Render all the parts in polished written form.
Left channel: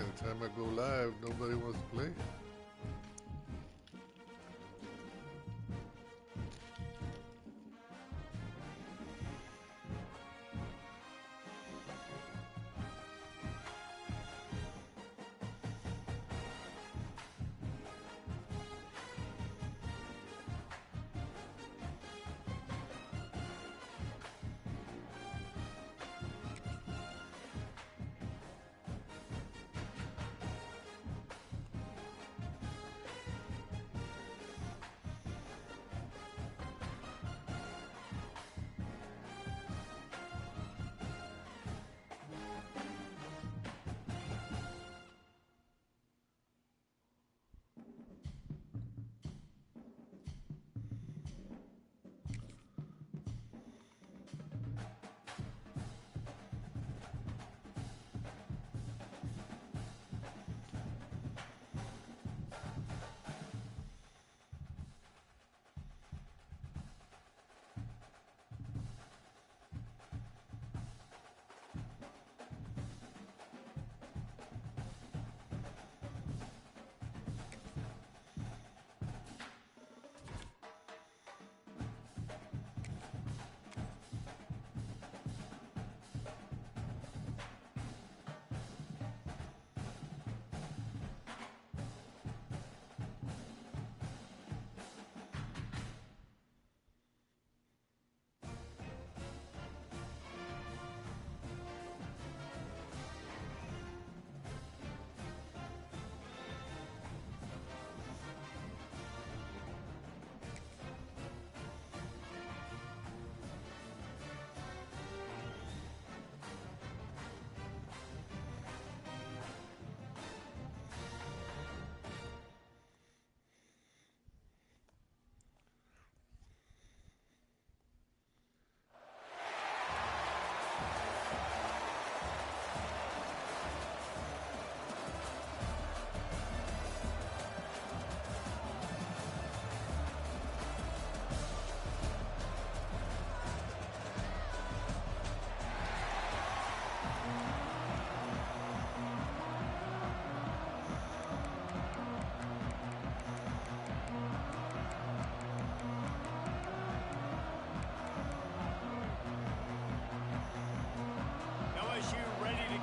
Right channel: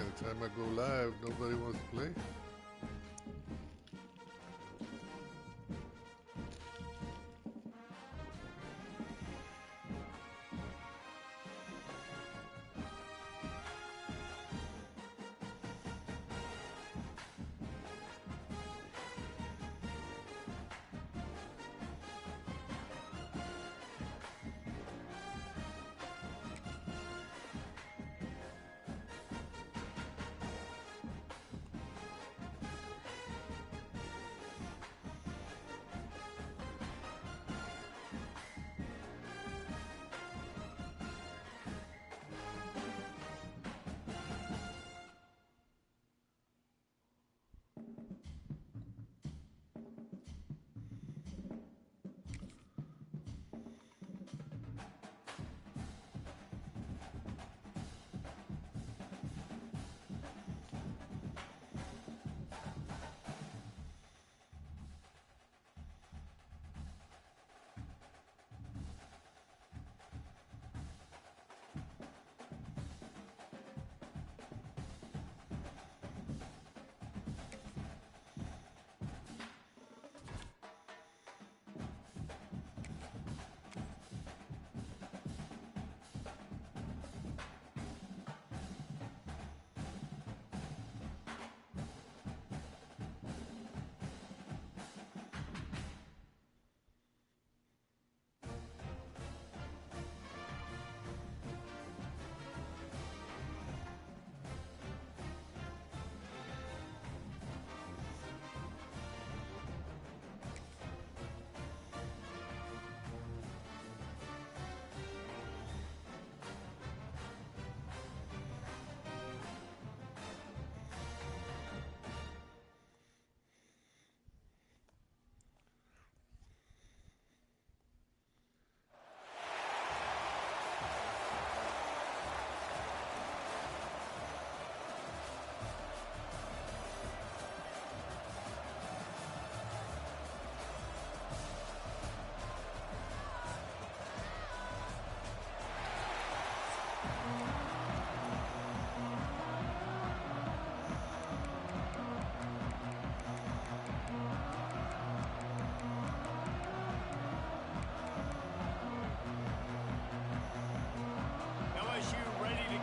Man, the time I go live, nobody wants to play.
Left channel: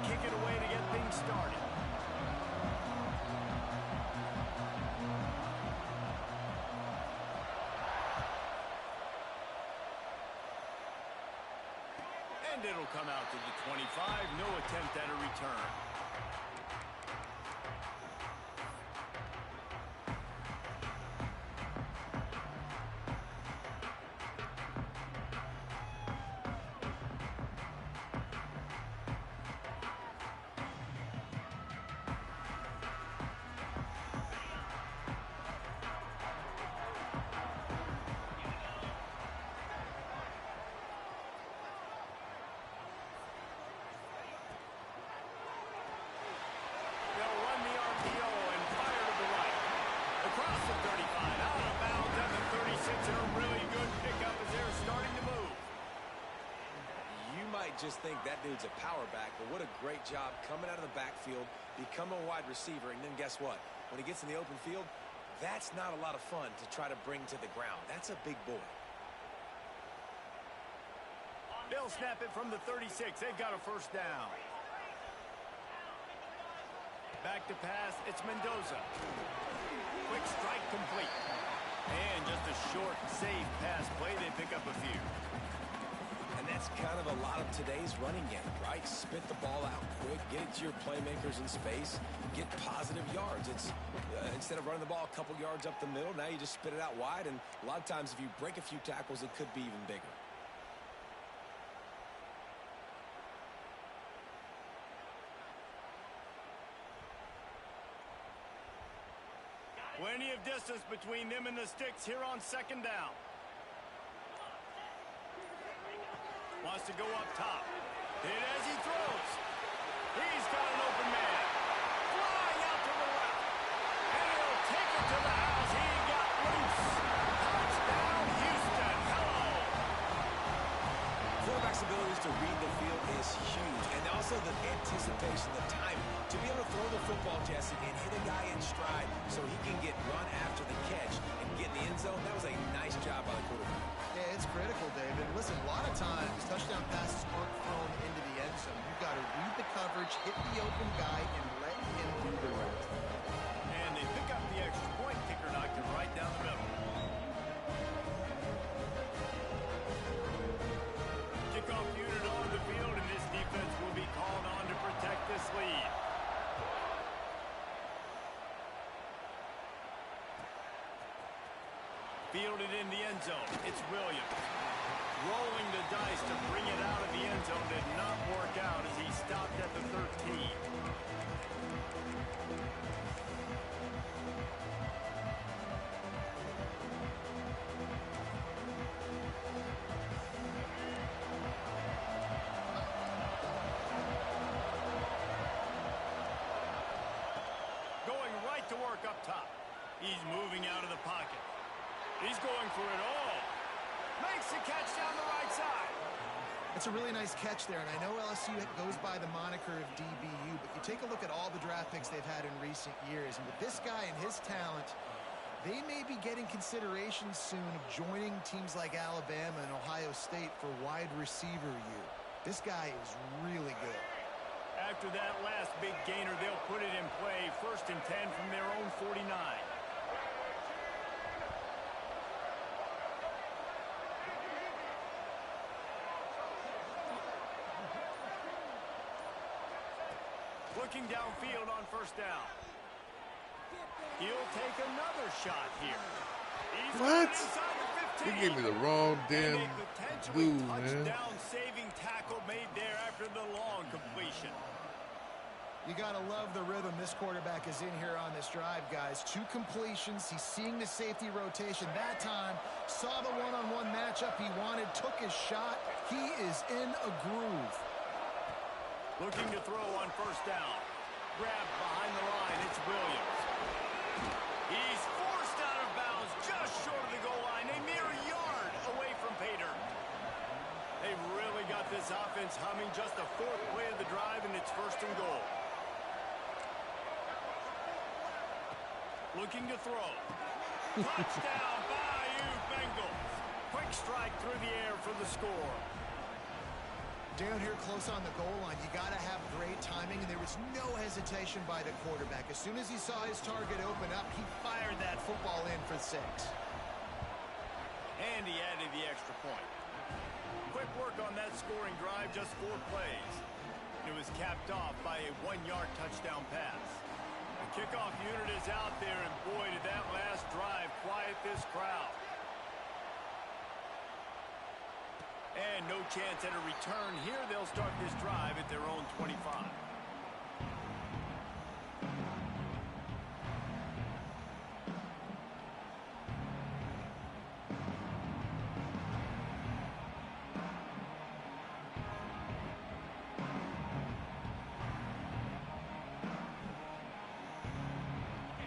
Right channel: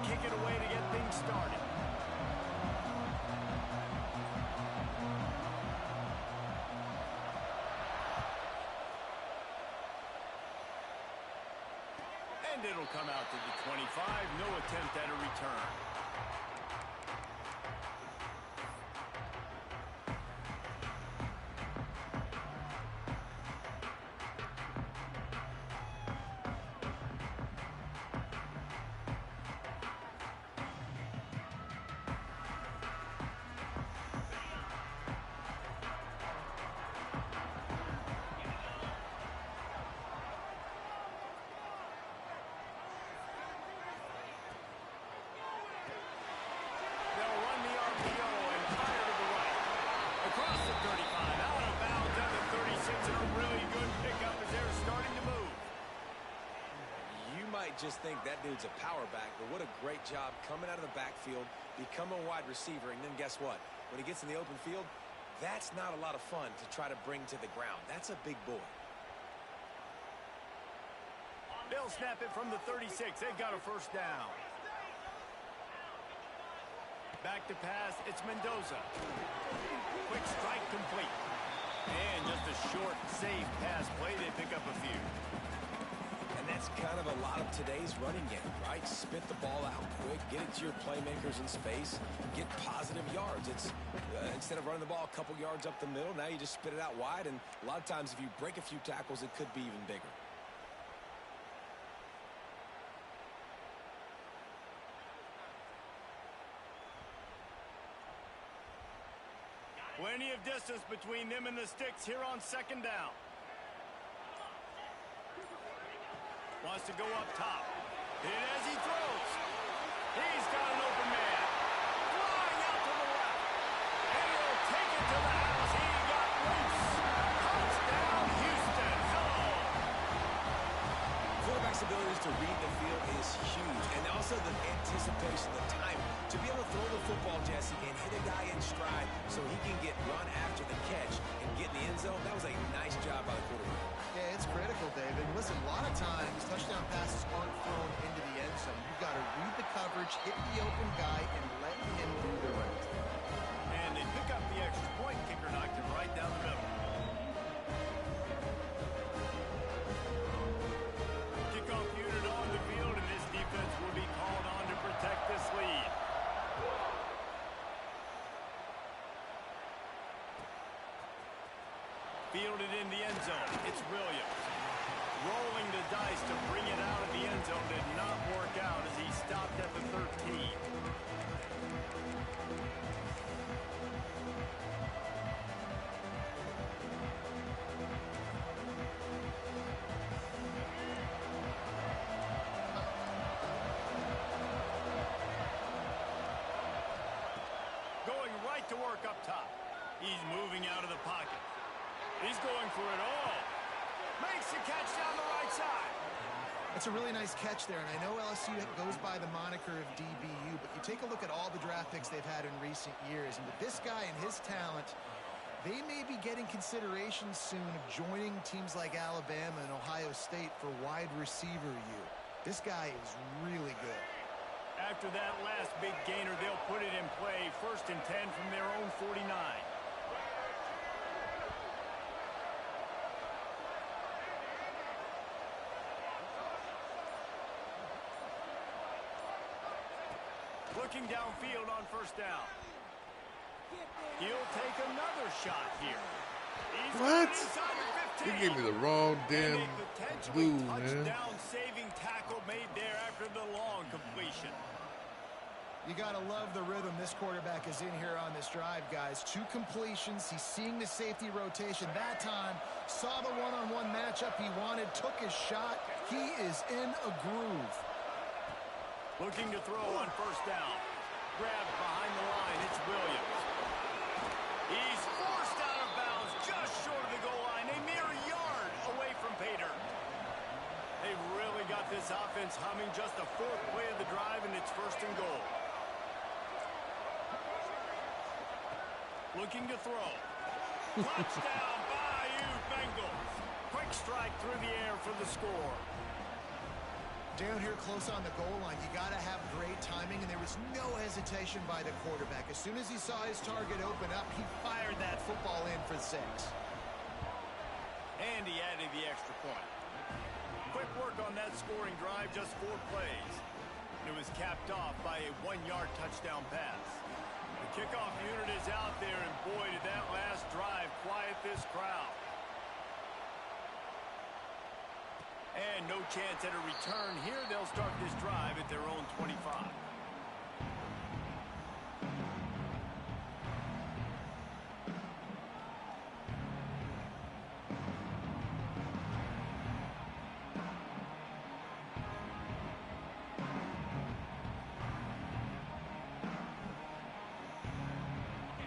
Kick it away to get things started. And it'll come out to the 25. No attempt at a return. Across the 35, out of bounds at the 36, and a really good pickup as they're starting to move. You might just think that dude's a power back, but what a great job coming out of the backfield, becoming a wide receiver, and then guess what? When he gets in the open field, that's not a lot of fun to try to bring to the ground. That's a big boy. They'll snap it from the 36. They've got a first down. Back to pass, it's Mendoza. Quick strike complete. And just a short, safe pass play. They pick up a few. And that's kind of a lot of today's running game, right? Spit the ball out quick, get it to your playmakers in space, get positive yards. It's instead of running the ball a couple yards up the middle, now you just spit it out wide. And a lot of times if you break a few tackles, it could be even bigger. Plenty of distance between them and the sticks here on second down. Wants to go up top. Hit as he throws. He's got an open man. Flying out to the left. And he'll take it to the house. He got loose. Touchdown, Houston. Hello. Quarterback's abilities to read the field is huge. And also the anticipation, the time to be able to throw the football, Jesse, and hit a guy in stride so he can get run after the catch and get in the end zone. That was a nice job by the quarterback. Yeah, it's critical, David. Listen, a lot of times touchdown passes aren't thrown into the end zone. You've got to read the coverage, hit the open guy, and let him do the rest. And they pick up the extra point. Kicker knocked it right down the middle. Kickoff unit on the field, and this defense will be called on to protect this lead. Fielded in the end zone. It's Williams. Rolling the dice to bring it out of the end zone did not work out as he stopped at the 13. Going right to work up top. He's moving out of the pocket. He's going for it all. Makes the catch down the right side. It's a really nice catch there, and I know LSU goes by the moniker of DBU, but you take a look at all the draft picks they've had in recent years, and with this guy and his talent, they may be getting consideration soon of joining teams like Alabama and Ohio State for wide receiver U. This guy is really good. After that last big gainer, they'll put it in play. 1st and 10 from their own 49. Looking downfield on 1st down. He'll take another shot here. He's What? inside the 15. He gave me the wrong damn And a potentially dude, man. touchdown-saving tackle made there after the long completion. You got to love the rhythm this quarterback is in here on this drive, guys. 2 completions. He's seeing the safety rotation. That time, saw the one-on-one matchup he wanted, took his shot. He is in a groove. Looking to throw on 1st down. Grabbed behind the line. It's Williams. He's forced out of bounds just short of the goal line. A mere yard away from pay dirt. They've really got this offense humming. Just the 4th play of the drive, and it's 1st and goal. Looking to throw. Touchdown, Bayou Bengals. Quick strike through the air for the score. Down here close on the goal line, you got to have great timing, and there was no hesitation by the quarterback. As soon as he saw his target open up, he fired that football in for 6. And he added the extra point. Quick work on that scoring drive, just 4 plays. It was capped off by a 1-yard touchdown pass. The kickoff unit is out there, and boy, did that last drive quiet this crowd. And no chance at a return here. They'll start this drive at their own 25.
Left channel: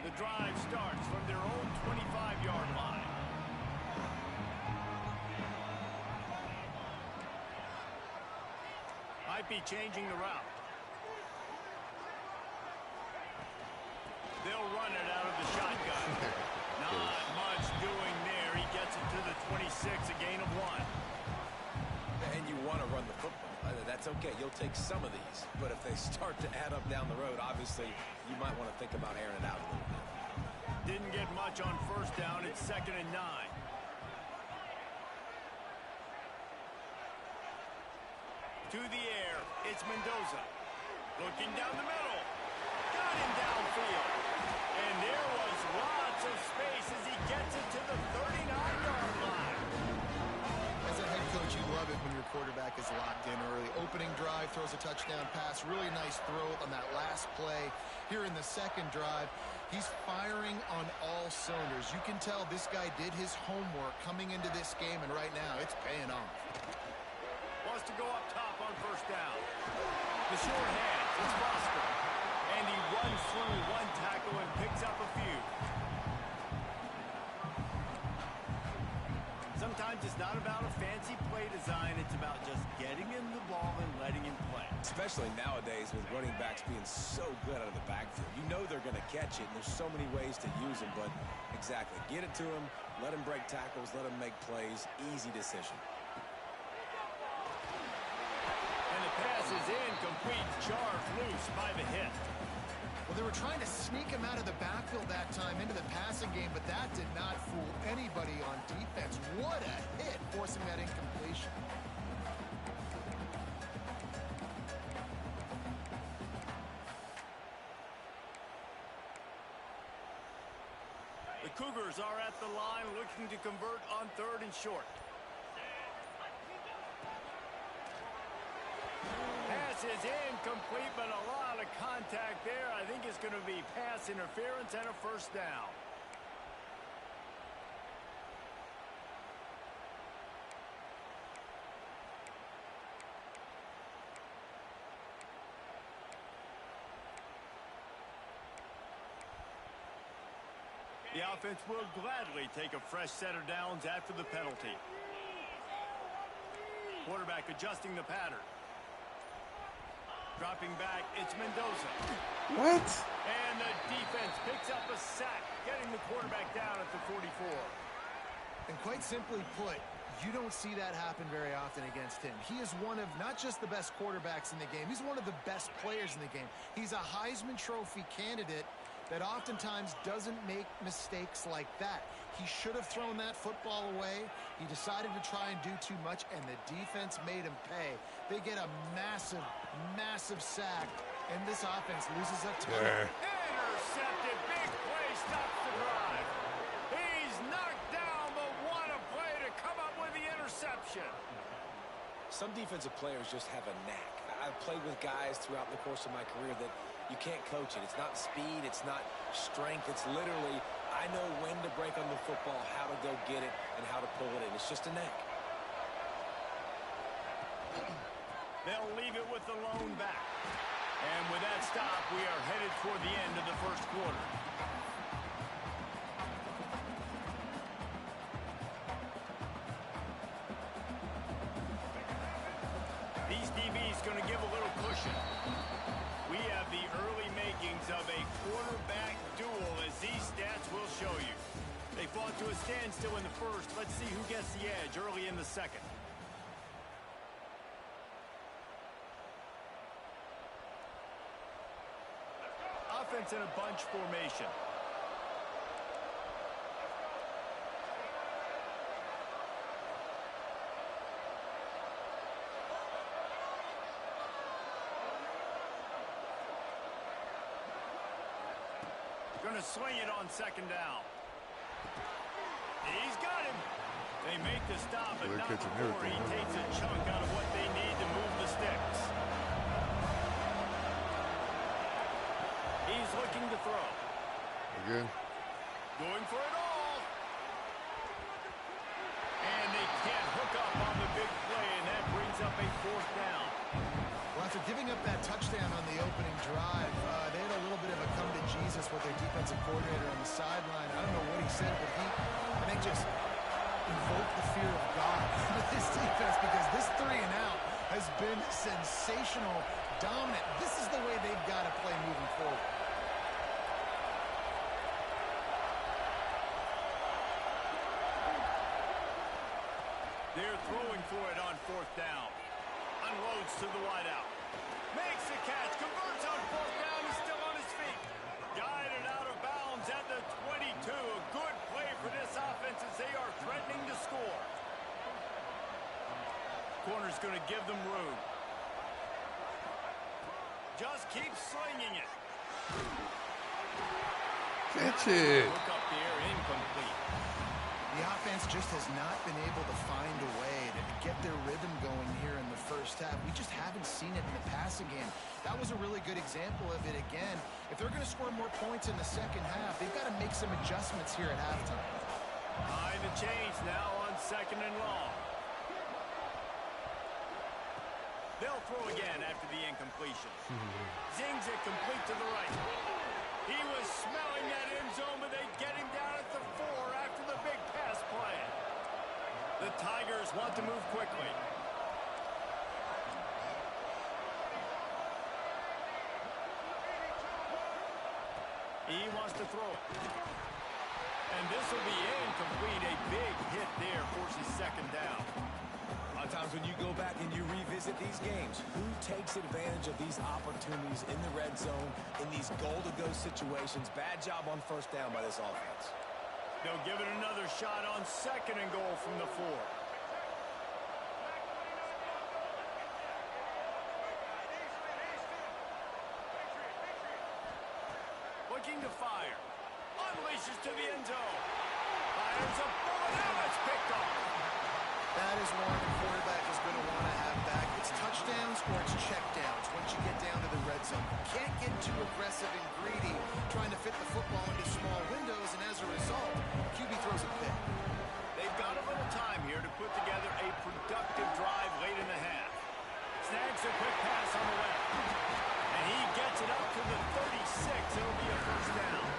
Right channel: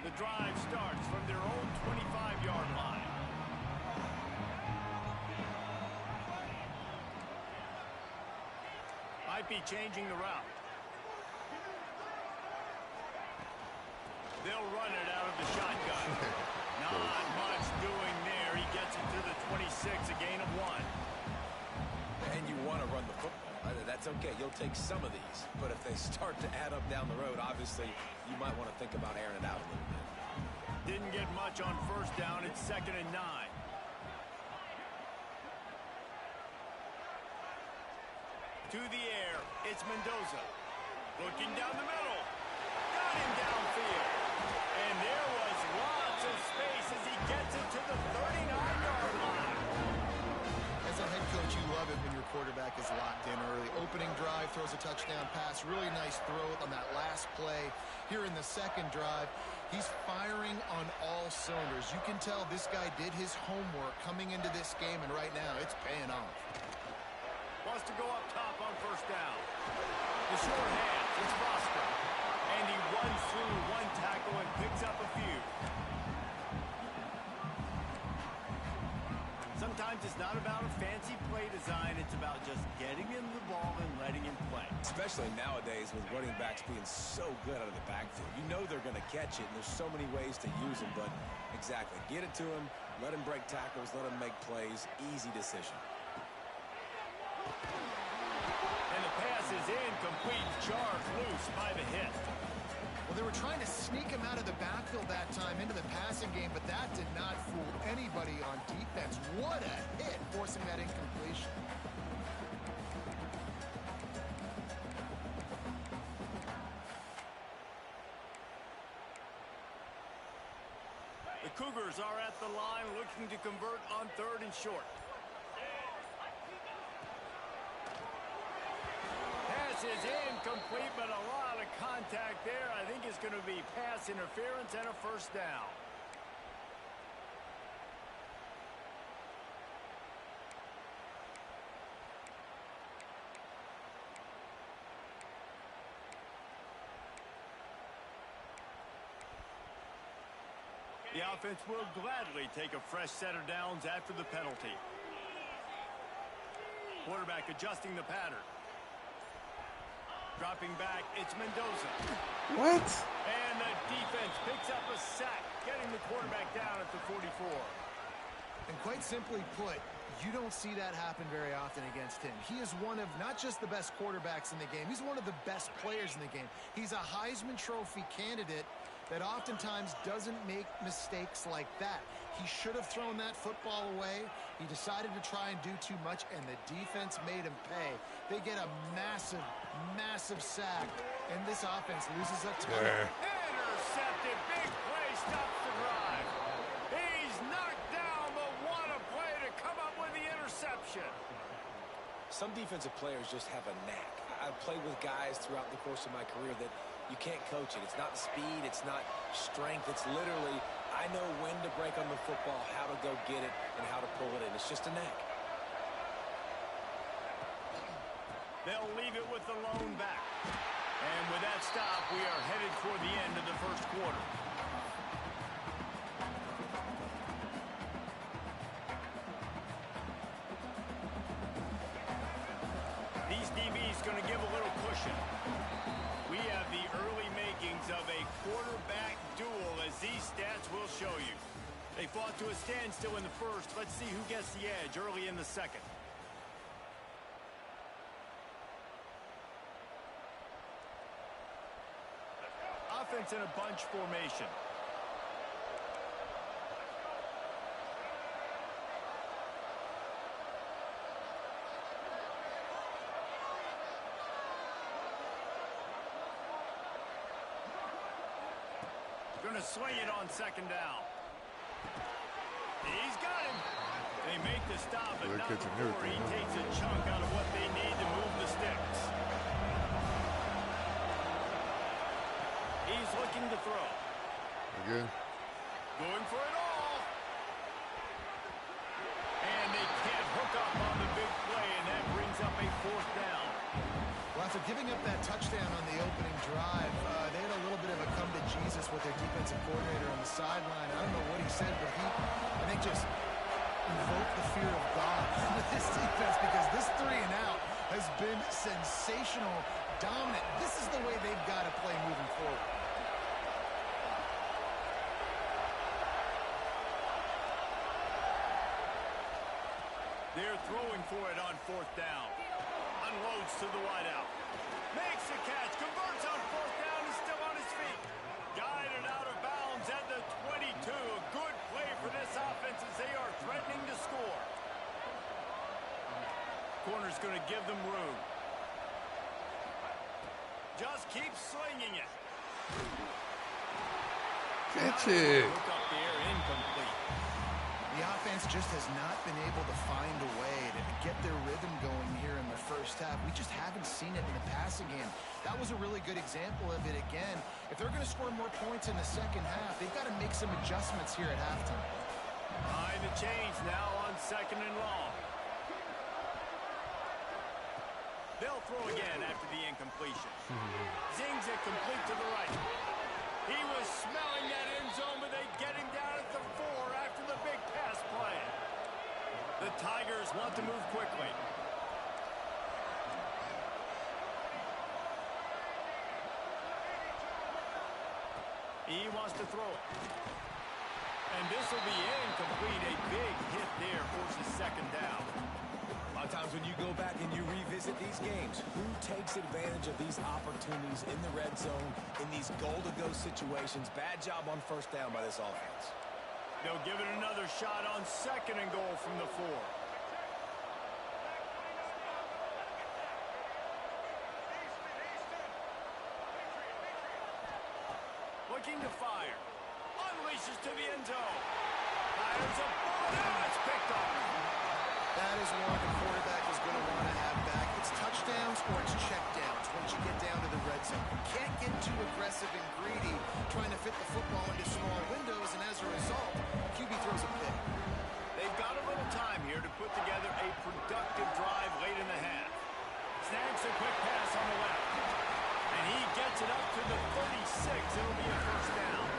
The drive starts from their own 25-yard line. Might be changing the route. They'll run it out of the shotgun. Not much doing there. He gets it to the 26, a gain of 1. And you want to run the football. That's okay. You'll take some of these. But if they start to add up down the road, obviously, you might want to think about airing it out a little bit. Didn't get much on 1st down. It's 2nd and 9. To the air, it's Mendoza. Looking down the middle. Got him downfield. And there was lots of space as he gets it to the 39-yard line. As a head coach, you love it when your quarterback is locked in early. Opening drive, throws a touchdown pass. Really nice throw on that last play. Here in the 2nd drive, he's firing on all cylinders. You can tell this guy did his homework coming into this game, and right now it's paying off. Wants to go up top on 1st down. The short hands, it's Foster. And he runs through 1 tackle and picks up a few. Sometimes it's not about a fancy play design. It's about just getting him the ball and letting him play. Especially nowadays with running backs being so good out of the backfield. You know they're going to catch it, and there's so many ways to use them. But exactly, get it to him, let him break tackles, let him make plays. Easy decision. And the pass is incomplete, charged loose by the hit. Well, they were trying to sneak him out of the backfield that time into the passing game, but that did not fool anybody on defense. What a hit, forcing that incompletion. The Cougars are at the line looking to convert on 3rd and short. Pass is incomplete, but a lot of contact there. I think it's going to be pass interference and a first down. The offense will gladly take a fresh set of downs after the penalty. Quarterback adjusting the pattern. Dropping back, it's Mendoza. What? And the defense picks up a sack, getting the quarterback down at the 44. And quite simply put, you don't see that happen very often against him. He is one of not just the best quarterbacks in the game, he's one of the best players in the game. He's a Heisman Trophy candidate that oftentimes doesn't make mistakes like that. He should have thrown that football away. He decided to try and do too much, and the defense made him pay. They get a massive, massive sack, and this offense loses a ton. Intercepted. Big play stops the drive. He's knocked down, but what a play to come up with the interception. Some defensive players just have a knack. I've played with guys throughout the course of my career that you can't coach it. It's not speed. It's not strength. It's literally, I know when to break on the football, how to go get it, and how to pull it in. It's just a knack. They'll leave it with the lone back. And with that stop, we are headed for the end of the first quarter. These DBs going to give a little cushion. We have the early makings of a quarterback duel, as these stats will show you. They fought to a standstill in the first. Let's see who gets the edge early in the second. Offense in a bunch formation. Going to swing it on 2nd down. He's got him. They make the stop, but not before he takes a chunk out of what they need to move the sticks. He's looking to throw. Again. Going for it all. And they can't hook up on the big play, and that brings up a 4th down. Well, after giving up that touchdown on the opening drive, they had a little bit of a come to Jesus with their defensive coordinator on the sideline. I don't know what he said, but he, I think, just invoked the fear of God with this defense, because this 3 and out has been sensational, dominant. This is the way they've got to play moving forward. They're throwing for it on 4th down. Unloads to the wideout. Makes the catch. Converts on 4th down. He's still on his feet. Guided out of bounds at the 22. A good play for this offense as they are threatening to score. Corner's going to give them room. Just keep slinging it. Catch it. Look up there, incomplete. The offense just has not been able to find a way to get their rhythm going here in the first half. We just haven't seen it in the passing game. That was a really good example of it again. If they're going to score more points in the second half, they've got to make some adjustments here at halftime. Behind the chains now on 2nd and long. They'll throw again after the incompletion. Zings it complete to the right. He was smelling that end zone, but they get him down at the 4 after the big pass play. The Tigers want to move quickly. He wants to throw it. And this will be incomplete. A big hit there forces second down. A lot of times when you go back and you revisit these games, who takes advantage of these opportunities in the red zone, in these goal-to-go situations? Bad job on first down by this offense. They'll give it another shot on second and goal from the 4. Looking to fire. Unleashes to the end zone. Fires a bullet. Now it's picked off. That is one the quarterback is going to want to have back. It's touchdowns or it's checkdowns once you get down to the red zone. You can't get too aggressive and greedy trying to fit the football into small windows, and as a result, QB throws a pick. They've got a little time here to put together a productive drive late in the half. Snags a quick pass on the left. And he gets it up to the 36. It'll be a first down.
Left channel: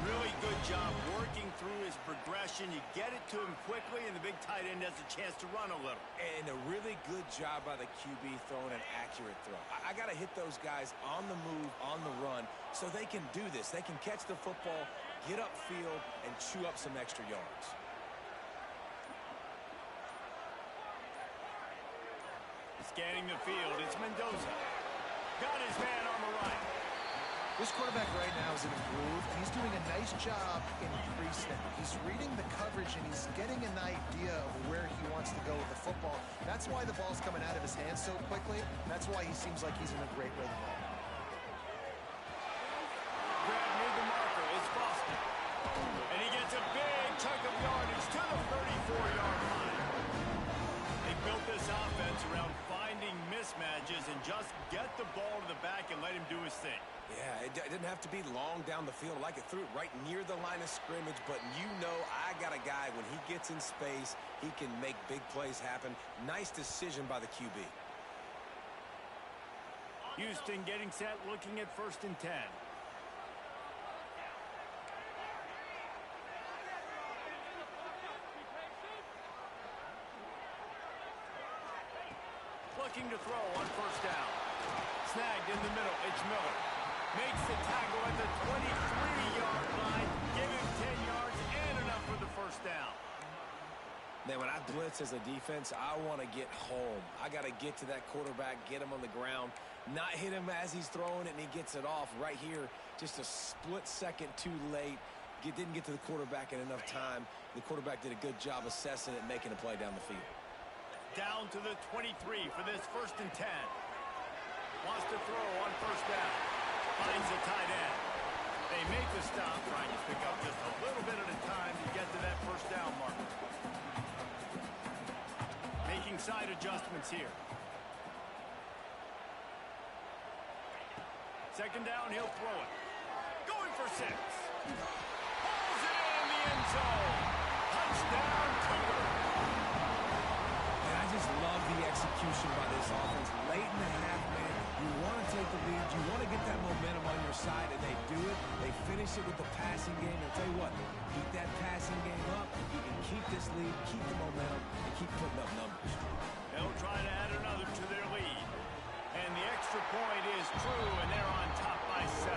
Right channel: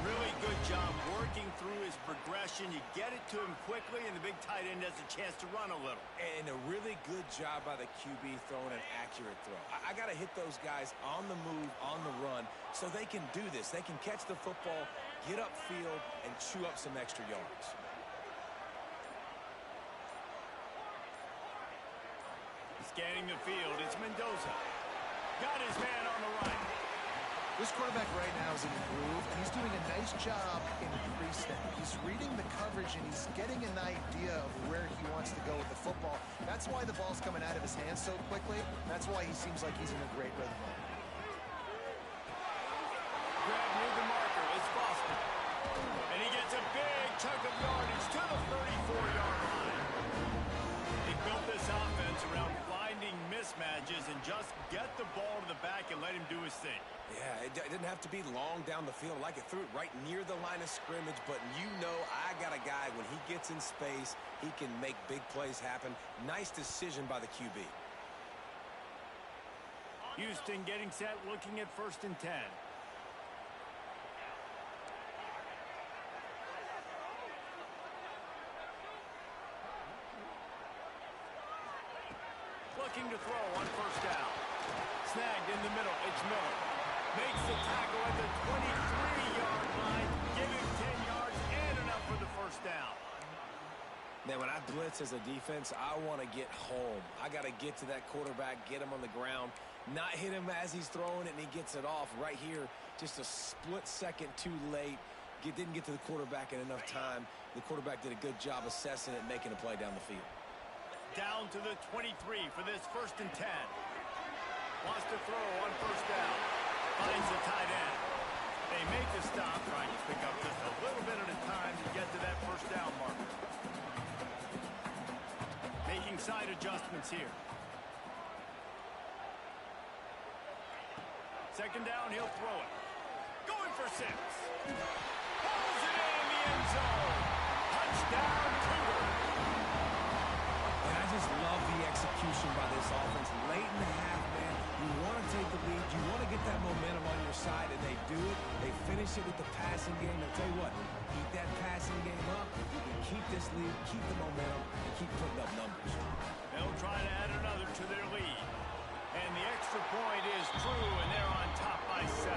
Really good job working through his progression. You get it to him quickly, and the big tight end has a chance to run a little. And a really good job by the QB throwing an accurate throw. I got to hit those guys on the move, on the run, so they can do this. They can catch the football, get upfield, and chew up some extra yards. Scanning the field, it's Mendoza. Got his man on the right. This quarterback right now is in a groove, and he's doing a nice job in pre-snap. He's reading the coverage, and he's getting an idea of where he wants to go with the football. That's why the ball's coming out of his hands so quickly. That's why he seems like he's in a great rhythm. Grab near the marker. It's Boston. And he gets a big chunk of yardage to the 34-yard line. They built this offense around finding mismatches and just get the ball to the back and let him do his thing. Yeah, it didn't have to be long down the field. Like it threw it right near the line of scrimmage, but you know I got a guy, when he gets in space, he can make big plays happen. Nice decision by the QB. Houston getting set, looking at 1st and 10. Looking to throw on 1st down. Snagged in the middle. It's Miller. Makes the tackle at the 23-yard line. Give him 10 yards and enough for the 1st down. Man, when I blitz as a defense, I want to get home. I got to get to that quarterback, get him on the ground, not hit him as he's throwing it, and he gets it off. Right here, just a split second too late. Didn't get to the quarterback in enough time. The quarterback did a good job assessing it, making a play down the field. Down to the 23 for this 1st and 10. Wants to throw on 1st down. Finds the tight end. They make the stop, trying to pick up just a little bit at a time to get to that 1st down marker. Making side adjustments here. 2nd down, he'll throw it. Going for 6. Pulls it in the end zone. Touchdown, Cougar. And I just love the execution by this offense. Late in the half, man, you want to take the lead. You want to get that momentum on your side, and they do it. They finish it with the passing game. And I'll tell you what, keep that passing game up. You can keep this lead, keep the momentum, and keep putting up numbers. They'll try to add another to their lead. And the extra point is true, and they're on top by 7.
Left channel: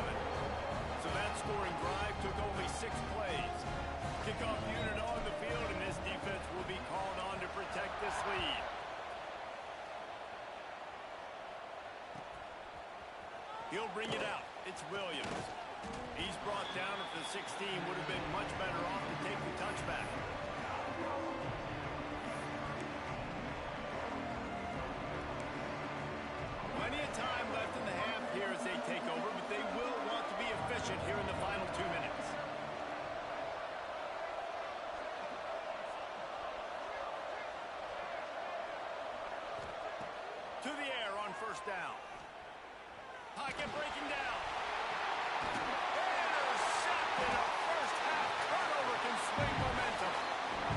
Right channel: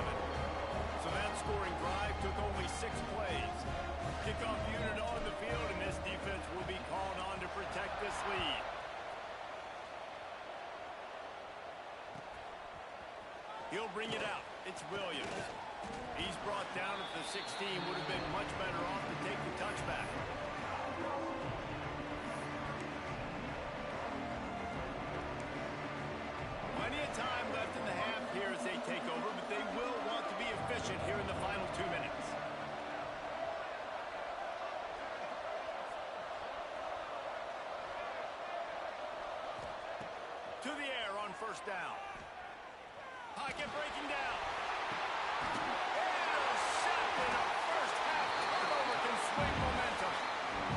So that scoring drive took only 6 plays. Kickoff unit on the field, and this defense will be called on to protect this lead. He'll bring it out. It's Williams. He's brought down at the 16. Would have been much better off to take the touchback. Plenty of time left in the half here as they take over, but they will want to be efficient here in the final 2 minutes. To the air on 1st down. Pocket breaking down. Intercepted. A first half turnover can swing momentum.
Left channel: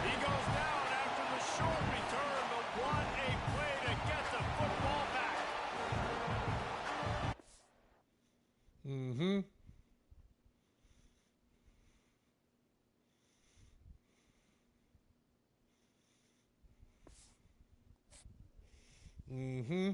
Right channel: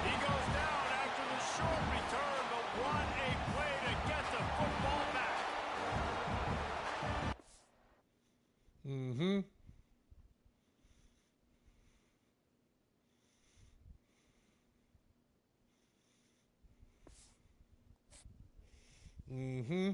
He goes down after the short return, but what a play to get the football back. Mm-hmm. Mm-hmm.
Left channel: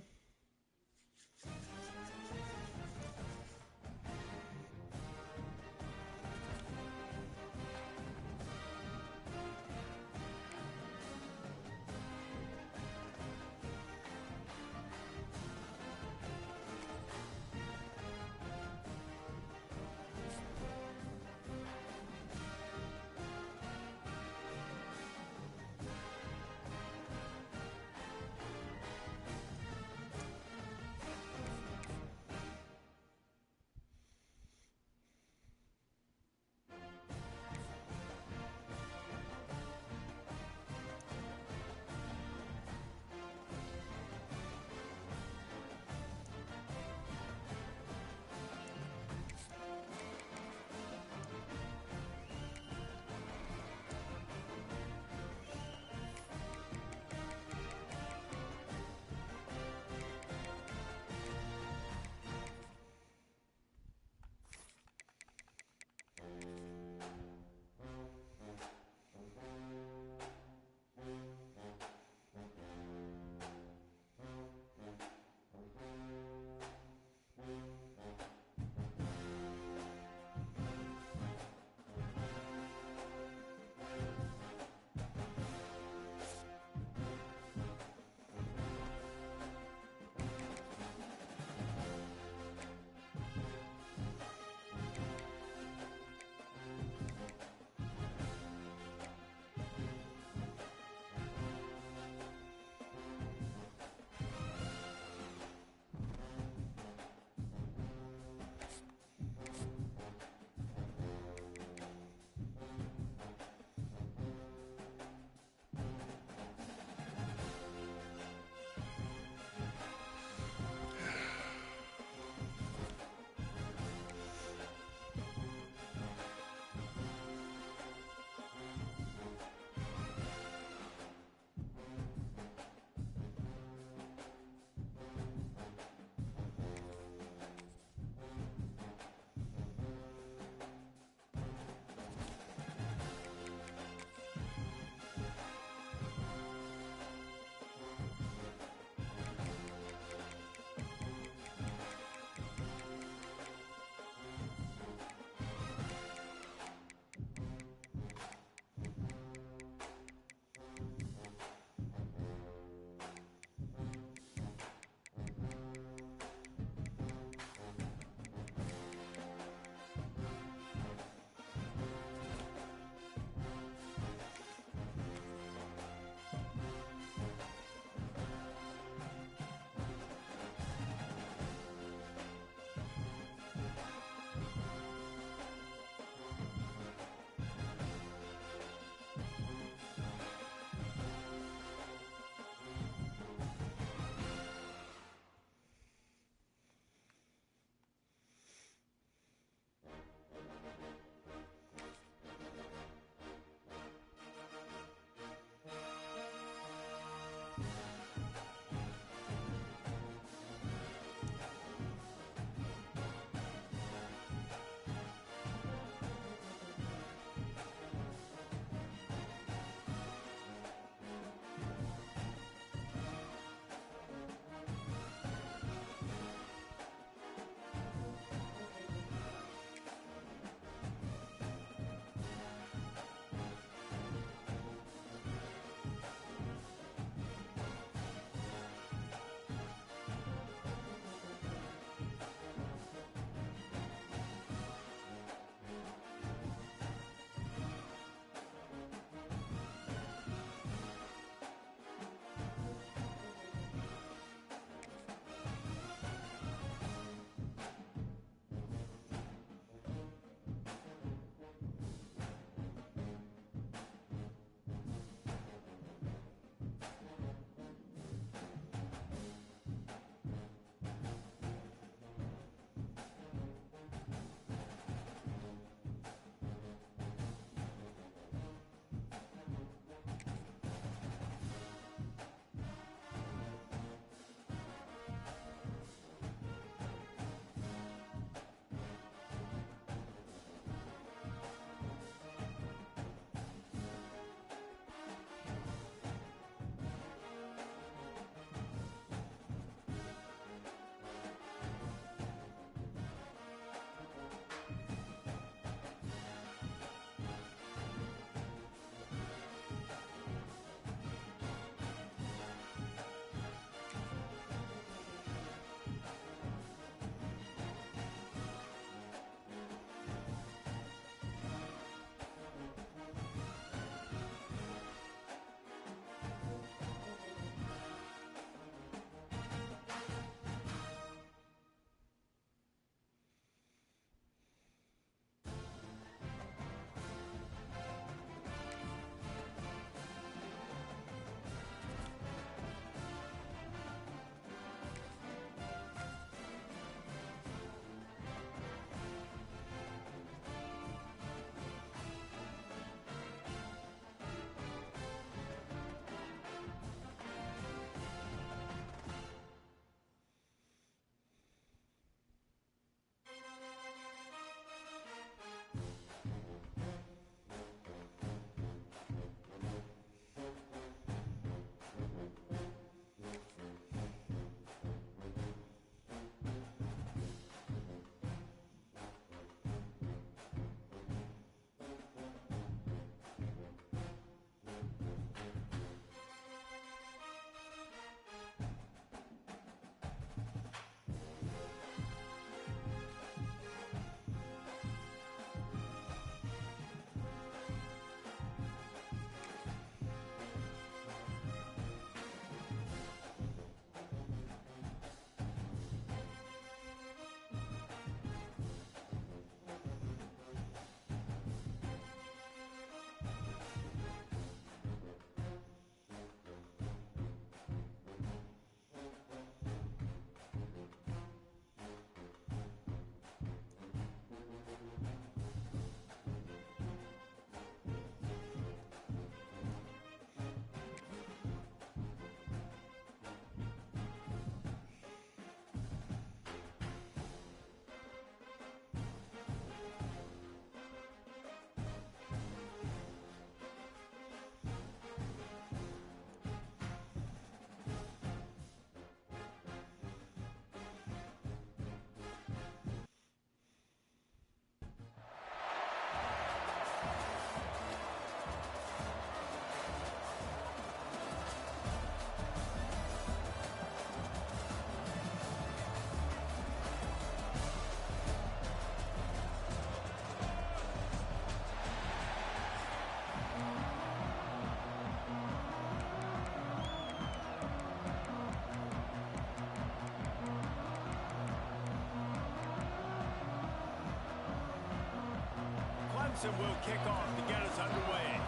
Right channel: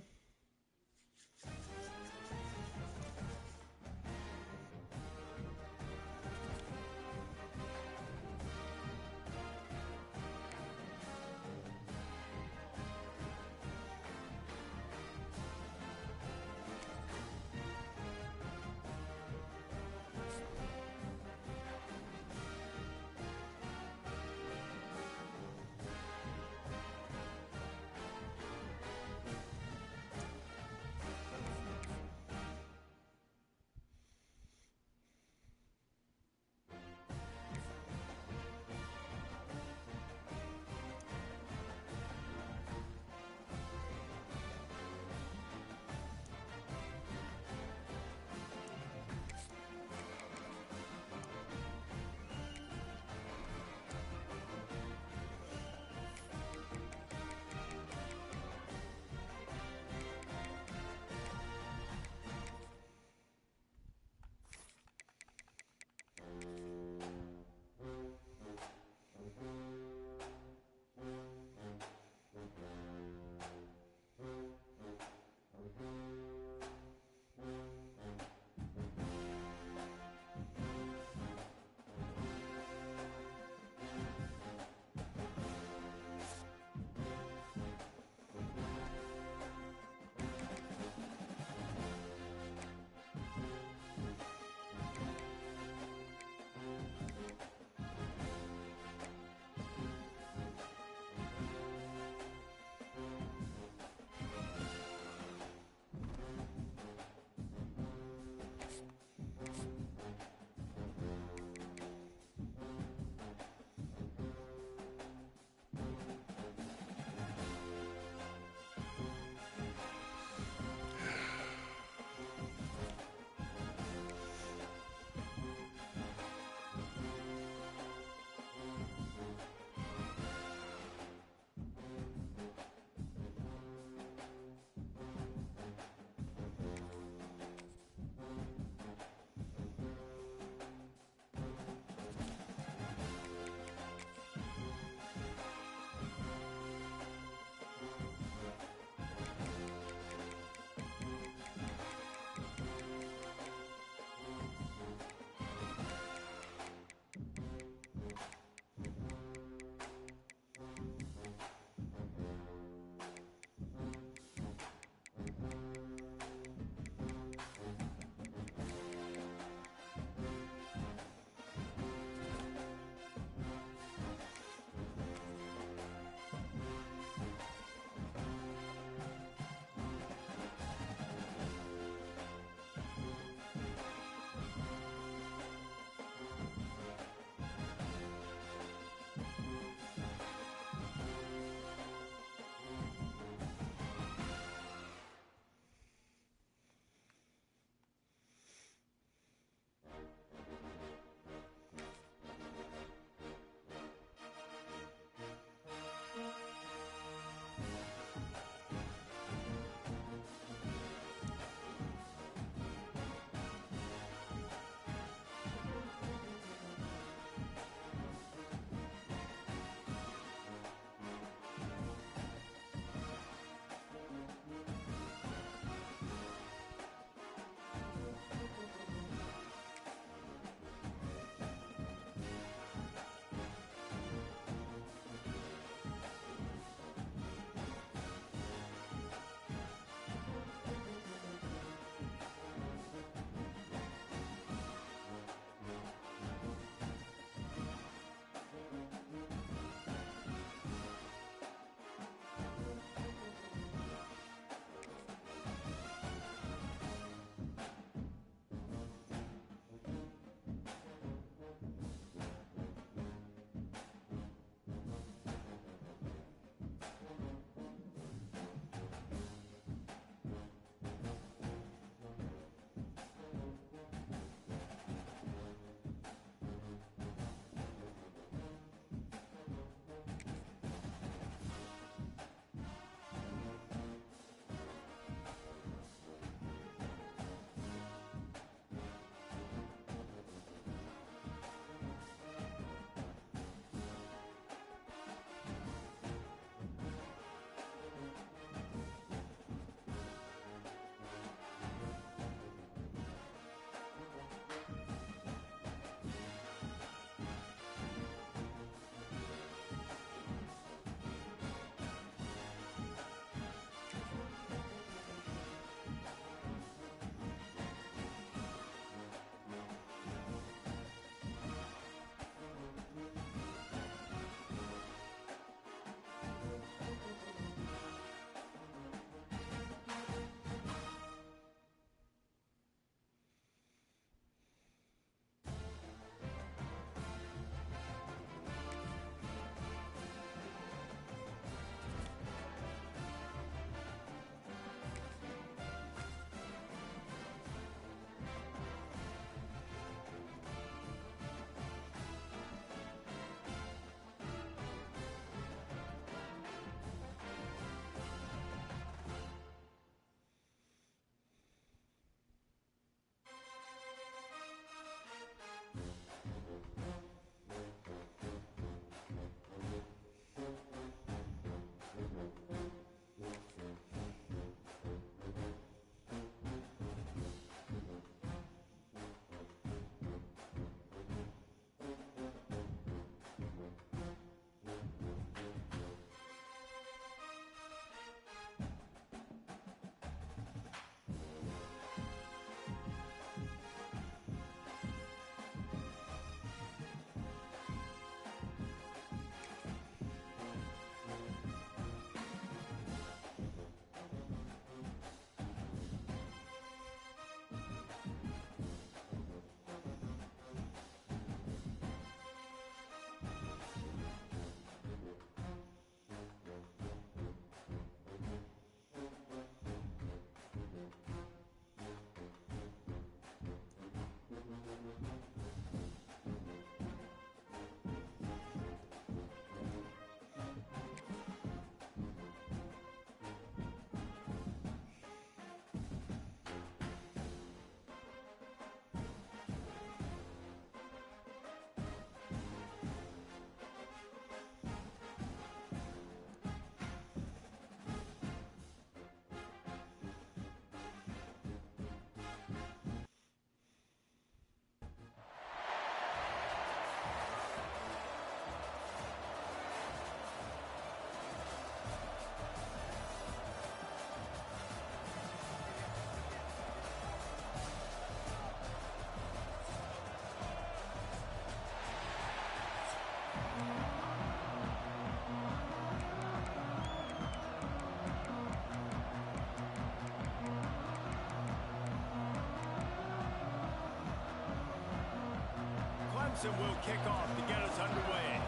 Clemson will kick off to get us underway.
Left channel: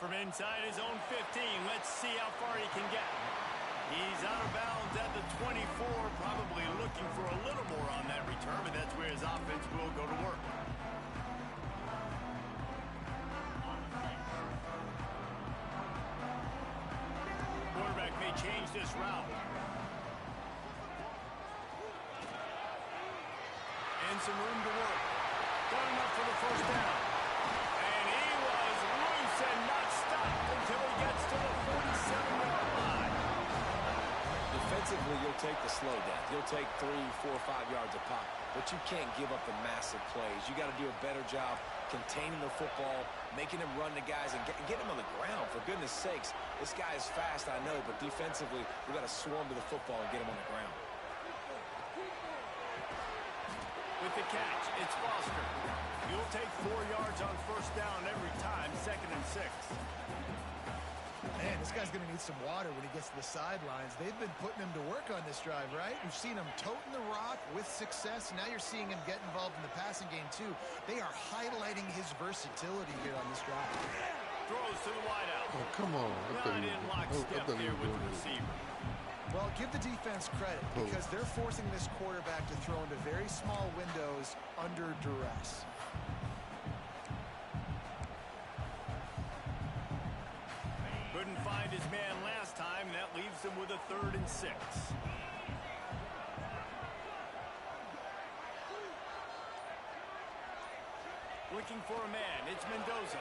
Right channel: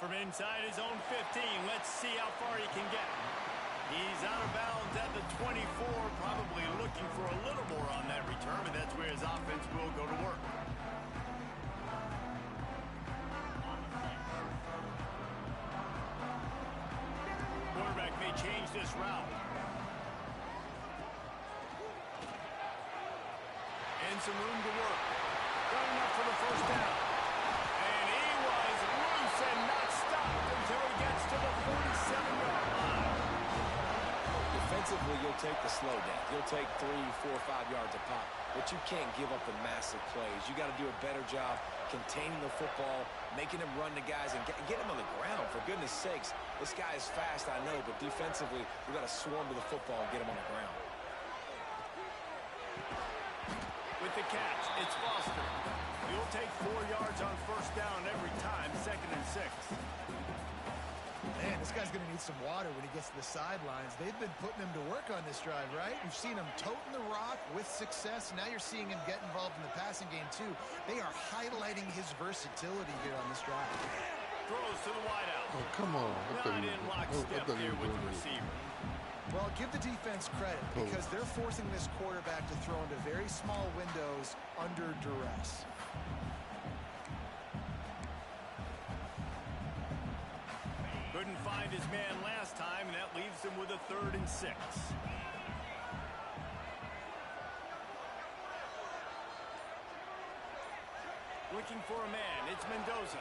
From inside his own 15, let's see how far he can get. He's out of bounds at the 24, probably looking for a little more on that return, but that's where his offense will go to work. Quarterback may change this route. And some room to work. Got enough for the first down. And he was loose and not stopped until he gets to the 47-yard line. Defensively, you'll take the slow death. You'll take 3, 4, 5 yards a pop, but you can't give up the massive plays. You got to do a better job containing the football, making him run the guys, and get him on the ground. For goodness sakes, this guy is fast, I know, but defensively, we got to swarm to the football and get him on the ground. With the catch, it's Foster. You'll take 4 yards on first down every time, 2nd and 6. Man, this guy's going to need some water when he gets to the sidelines. They've been putting him to work on this drive, right? We've seen him toting the rock with success. Now you're seeing him get involved in the passing game, too. They are highlighting his versatility here on this drive. Throws to the wideout. Oh, come on. Not in lockstep there with the receiver. Well, give the defense credit because they're forcing this quarterback to throw into very small windows under duress. Couldn't find his man last time, and that leaves him with a 3rd and 6. Looking for a man. It's Mendoza.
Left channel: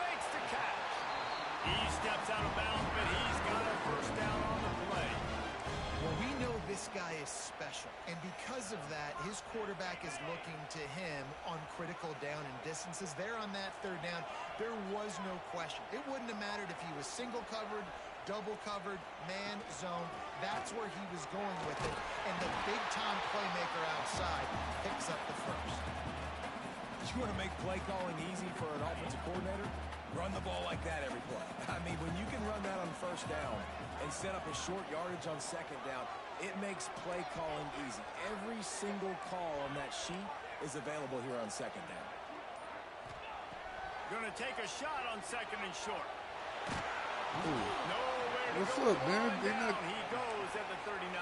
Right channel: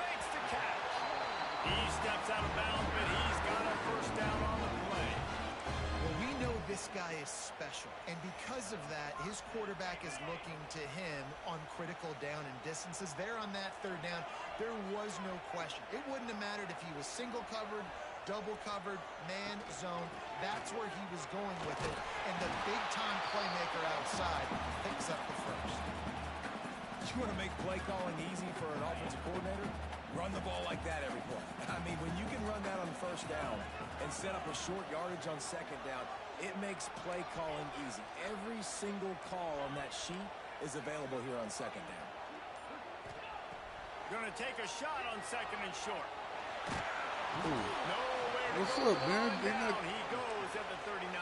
Makes the catch. He steps out of bounds, but he's got a first down on the play. Well, we know this guy is special, and because of that, his quarterback is looking to him on critical down and distances. There on that 3rd down, there was no question. It wouldn't have mattered if he was single covered, double covered, man zone. That's where he was going with it, and the big-time playmaker outside picks up the first. You want to make play calling easy for an offensive coordinator? Run the ball like that every play. I mean, when you can run that on first down and set up a short yardage on 2nd down, it makes play calling easy. Every single call on that sheet is available here on 2nd down. Going to take a shot on 2nd and short. Ooh. Nowhere to What's go. up, man? They Down. not- He goes at the 39.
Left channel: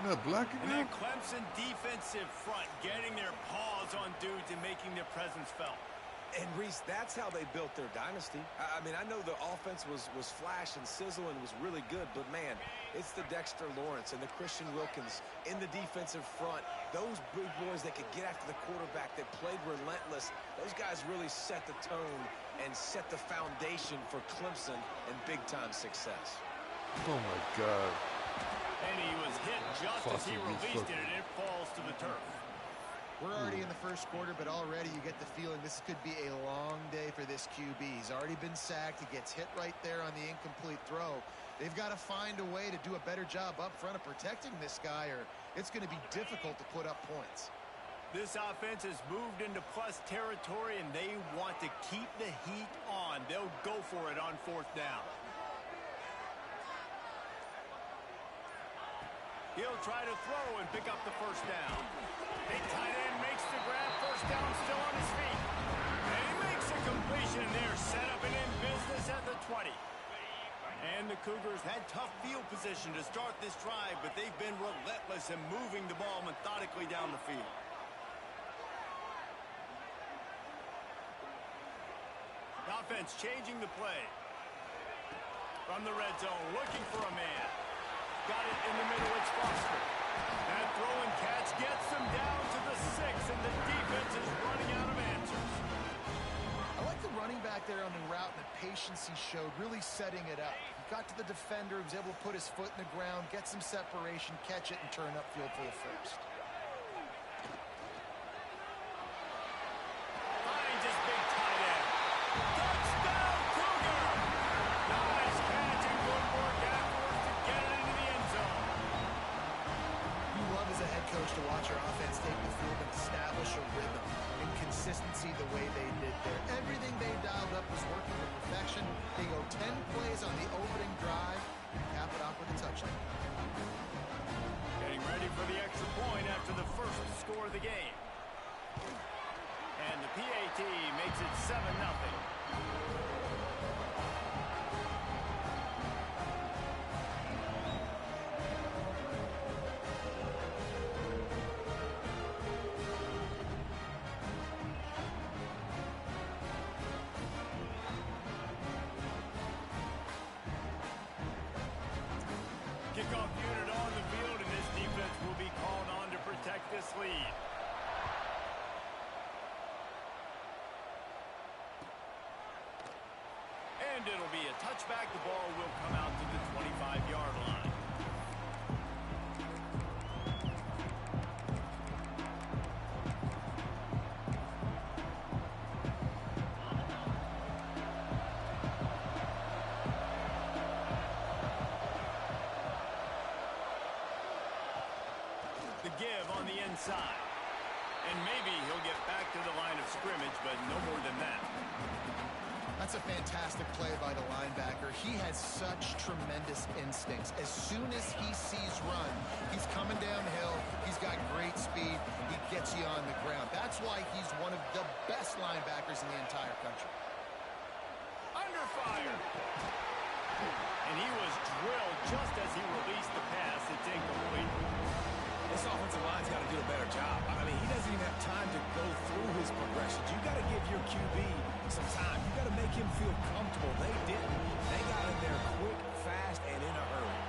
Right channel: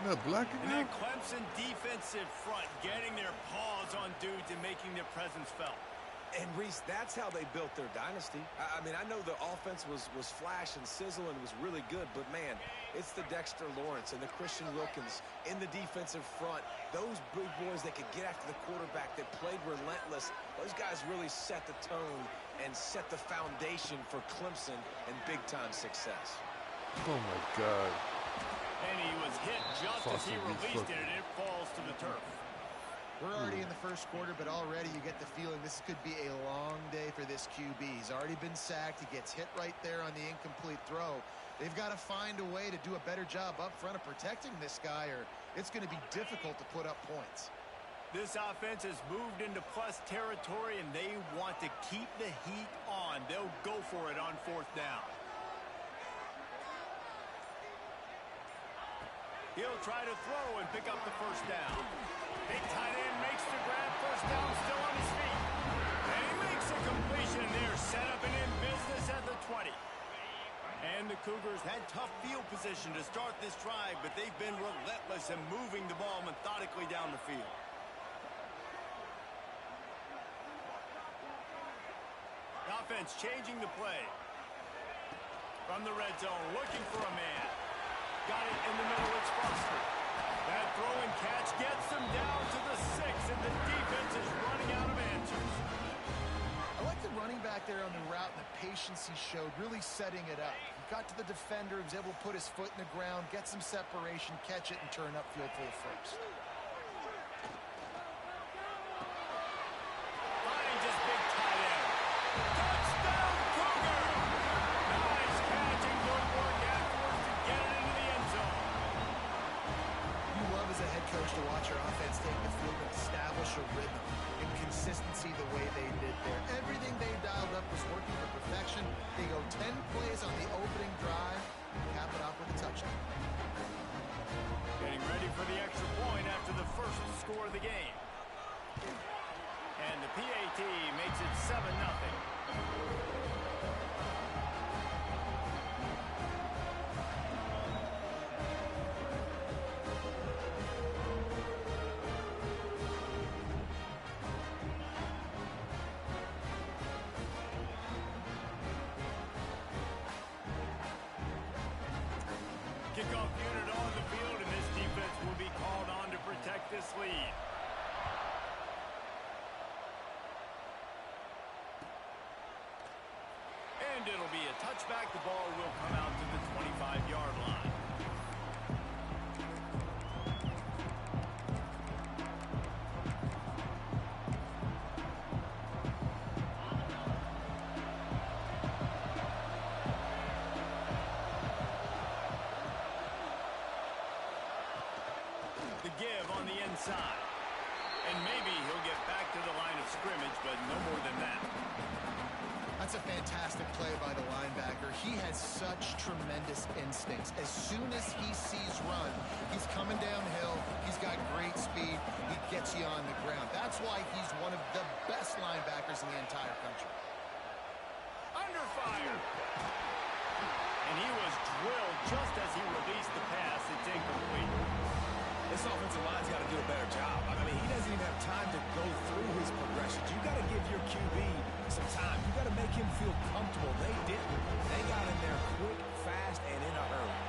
You're not blocking And now? that Clemson defensive front getting their paws on dudes and making their presence felt. And, Reese, that's how they built their dynasty. I mean, I know the offense was flash and sizzle and was really good, but, man, it's the Dexter Lawrence and the Christian Wilkins in the defensive front. Those big boys that could get after the quarterback, that played relentless. Those guys really set the tone and set the foundation for Clemson and big-time success. Oh, my God. And he was hit just as he released it, and it falls to the turf. We're already in the first quarter, but already you get the feeling this could be a long day for this QB. He's already been sacked. He gets hit right there on the incomplete throw. They've got to find a way to do a better job up front of protecting this guy, or it's going to be difficult to put up points. This offense has moved into plus territory, and they want to keep the heat on. They'll go for it on 4th down. He'll try to throw and pick up the first down. Big tight end makes the grab. First down, still on his feet. And he makes a completion there. Set up and in business at the 20. And the Cougars had tough field position to start this drive, but they've been relentless in moving the ball methodically down the field. The offense changing the play. From the red zone, looking for a man. Got it in the middle, it's Foster. That throw and catch gets them down to the 6, and the defense is running out of answers. I like the running back there on the route and the patience he showed, really setting it up. He got to the defender, he was able to put his foot in the ground, get some separation, catch it, and turn upfield for the first. Finds his big tight end. Touchdown, Cougar! Nice catch and good work afterwards to get it into the end zone. You love as a head coach to watch your offense take the field and establish a rhythm and consistency the way they did there. Everything they dialed up was working to perfection. They go 10 plays on the opening drive, cap it off with a touchdown. Getting ready for the extra point after the first score of the game. And the PAT makes it 7-0. Kickoff unit on the field, and this defense will be called on to protect this lead. And it'll be a touchback. The ball will come out to the 25-yard line. The give on the inside. And maybe he'll get back to the line of scrimmage, but no more than that. That's a fantastic play by the linebacker. He has such tremendous instincts. As soon as he sees run, he's coming downhill. He's got great speed. He gets you on the ground. That's why he's one of the best linebackers in the entire country. Under fire. And he was drilled just as he released the pass. It's incomplete. This offensive line's got to do a better job. I mean, he doesn't even have time to go through his progressions. You got to give your QB some time. You got to make him feel comfortable. They didn't. They got in there quick, fast, and in a hurry.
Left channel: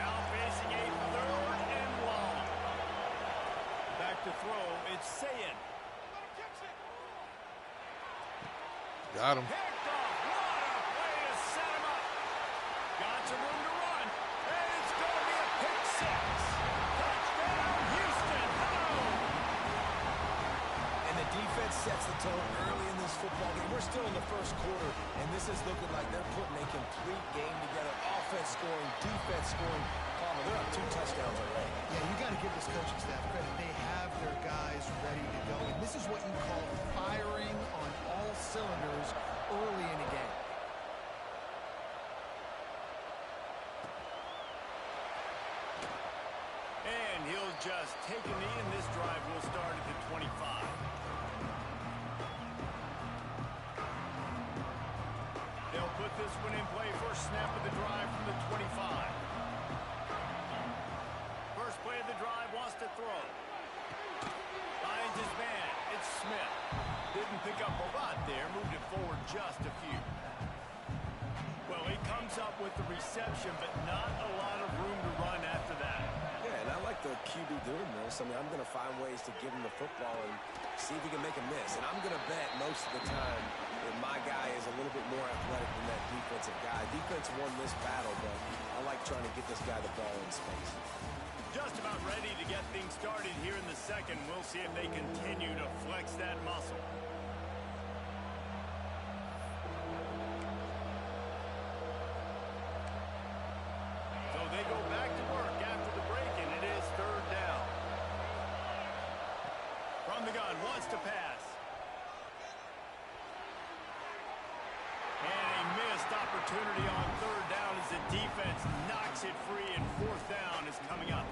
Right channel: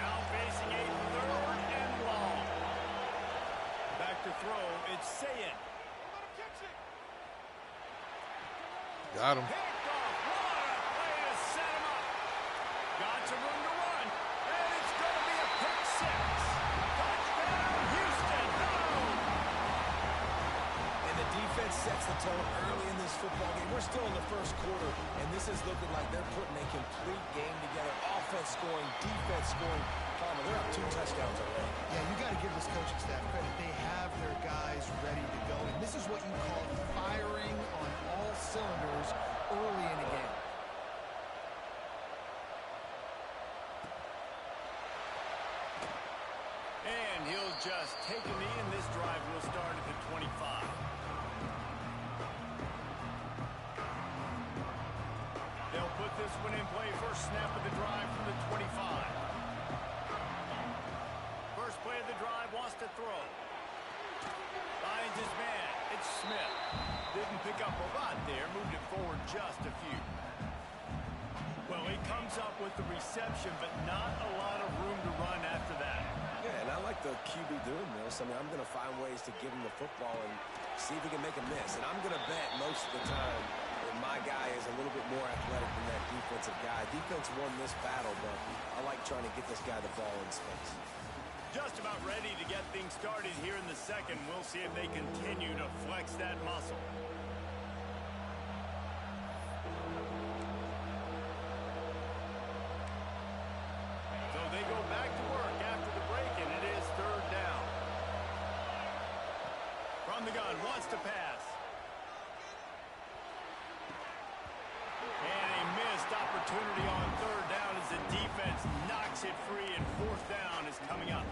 Now facing a 3rd and long. Back to throw. It's Sayin. Got him. Picked off. What a play to set him up. Got some room to run. And it's going to be a pick 6. Touchdown, Houston. Hello. And the defense sets the tone early in this football game. We're still in the first quarter, and this is looking like they're putting a complete game together. Offense scoring, defense scoring. Palmer, they're up 2 touchdowns already. Yeah, you got to give this coaching staff credit. They have their guys ready to go, and this is what you call firing on all cylinders early in a game. And he'll just take a knee, and this drive will start at the 25. They'll put this one in play. First snap of the drive from the 25. First play of the drive, wants to throw. Finds his man. It's Smith. Didn't pick up a lot there. Moved it forward just a few. Well, he comes up with the reception, but not a lot of room to run after that. Yeah, and I like the QB doing this. I mean, I'm going to find ways to give him the football and see if he can make a miss. And I'm going to bet most of the time that my guy is a little bit more athletic than that defensive guy. Defense won this battle, but I like trying to get this guy the ball in space. Just about ready to get things started here in the second. We'll see if they continue to flex that muscle. So they go back to work after the break, and it is 3rd down. From the gun, wants to pass. And a missed opportunity on 3rd down as the defense knocks it free, and 4th down is coming up.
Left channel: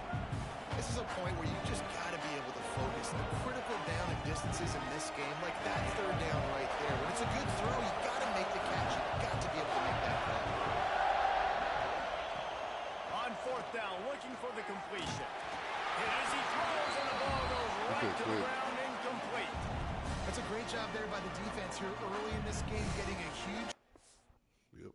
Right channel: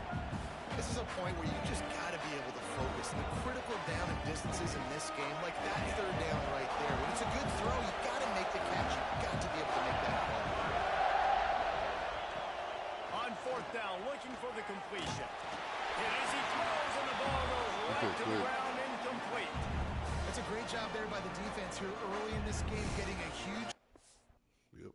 This is a point where you just got to be able to focus. The critical down and distances in this game, like that 3rd down right there. When it's a good throw, you got to make the catch. You got to be able to make that play. On 4th down, looking for the completion. Hit as he throws, and the ball goes right to the ground, incomplete. That's a great job there by the defense here early in this game, getting a huge... Yep.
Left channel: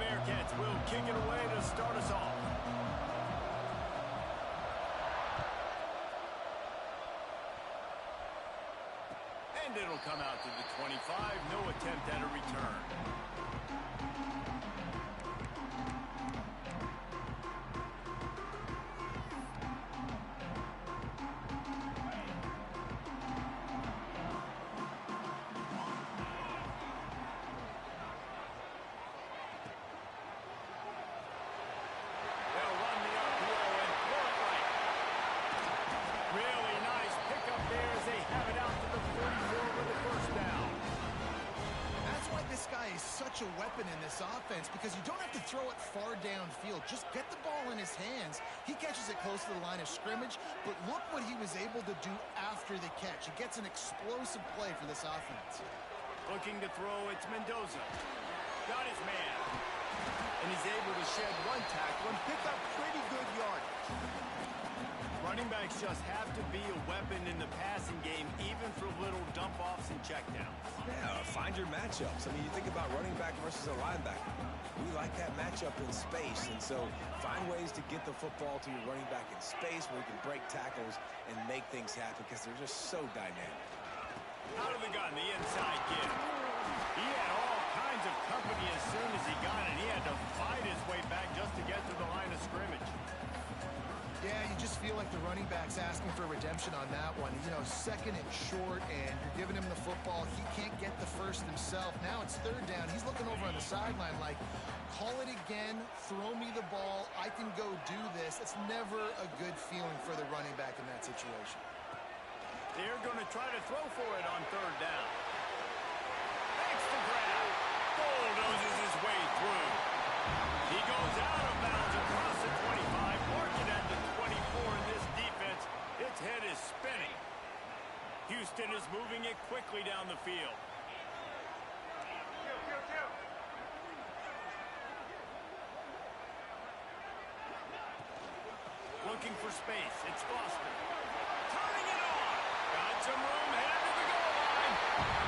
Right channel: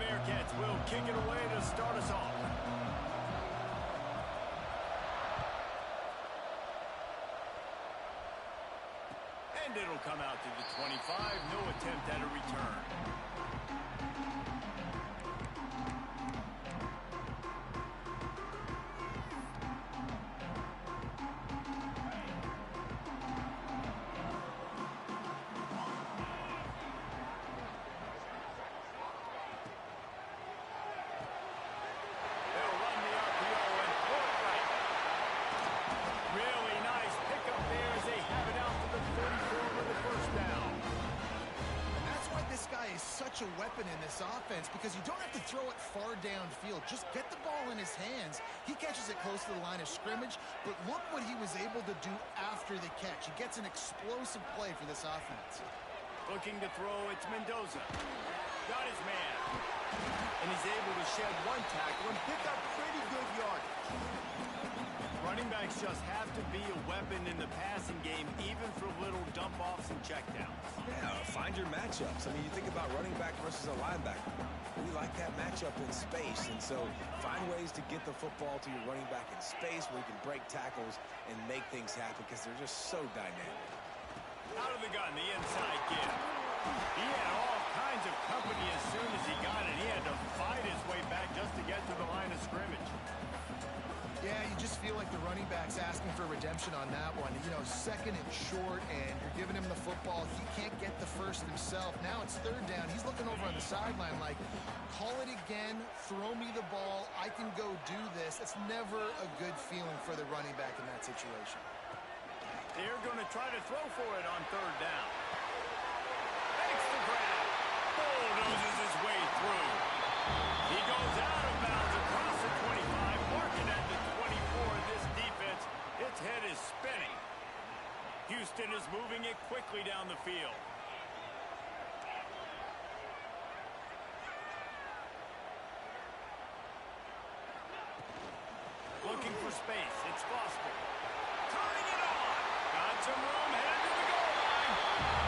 Bearcats will kick it away to start us off. And it'll come out to the 25. No attempt at a return. Such a weapon in this offense because you don't have to throw it far downfield. Just get the ball in his hands. He catches it close to the line of scrimmage, but look what he was able to do after the catch. He gets an explosive play for this offense. Looking to throw, it's Mendoza. Got his man. And he's able to shed one tackle and pick up pretty good yardage. Running backs just have to be a weapon in the passing game, even for little dump-offs and checkdowns. Yeah, find your matchups. I mean, you think about running back versus a linebacker. We like that matchup in space, and so find ways to get the football to your running back in space where you can break tackles and make things happen because they're just so dynamic. Out of the gun, the inside give. He had all kinds of company as soon as he got it. He had to fight his way back just to get to the line of scrimmage. Yeah, you just feel like the running back's asking for redemption on that one. You know, second and short, and you're giving him the football. He can't get the first himself. Now it's third down. He's looking over on the sideline like, call it again, throw me the ball, I can go do this. It's never a good feeling for the running back in that situation. They're going to try to throw for it on third down. Makes the grab. Bulldozes his way through. He goes out of bounds across the 25, marking at the 24 in this defense. Its head is spinning. Houston is moving it quickly down the field. Looking for space. It's Foster. Turning it on. Got some room, headed to the goal line.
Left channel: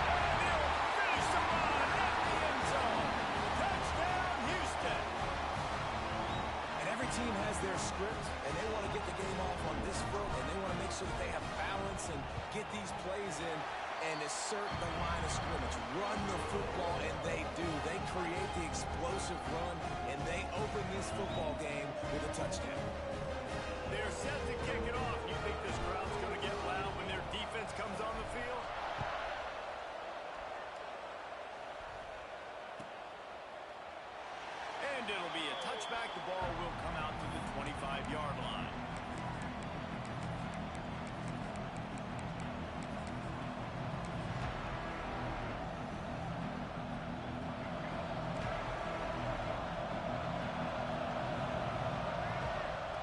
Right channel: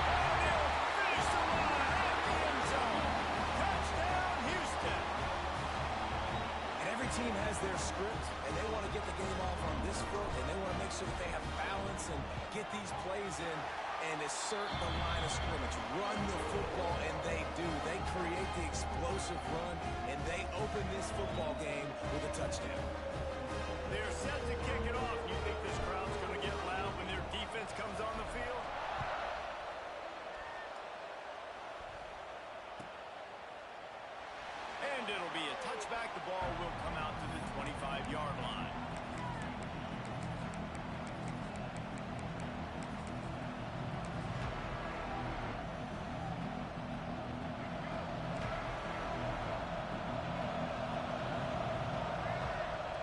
And he'll finish the run at the end zone. Touchdown, Houston. And every team has their script, and they want to get the game off on this foot, and they want to make sure that they have balance and get these plays in and assert the line of scrimmage. Run the football, and they do. They create the explosive run, and they open this football game with a touchdown. They're set to kick it off. You think this crowd's going to get loud when their defense comes on the field? And it'll be a touchback. The ball will come out to the 25-yard line.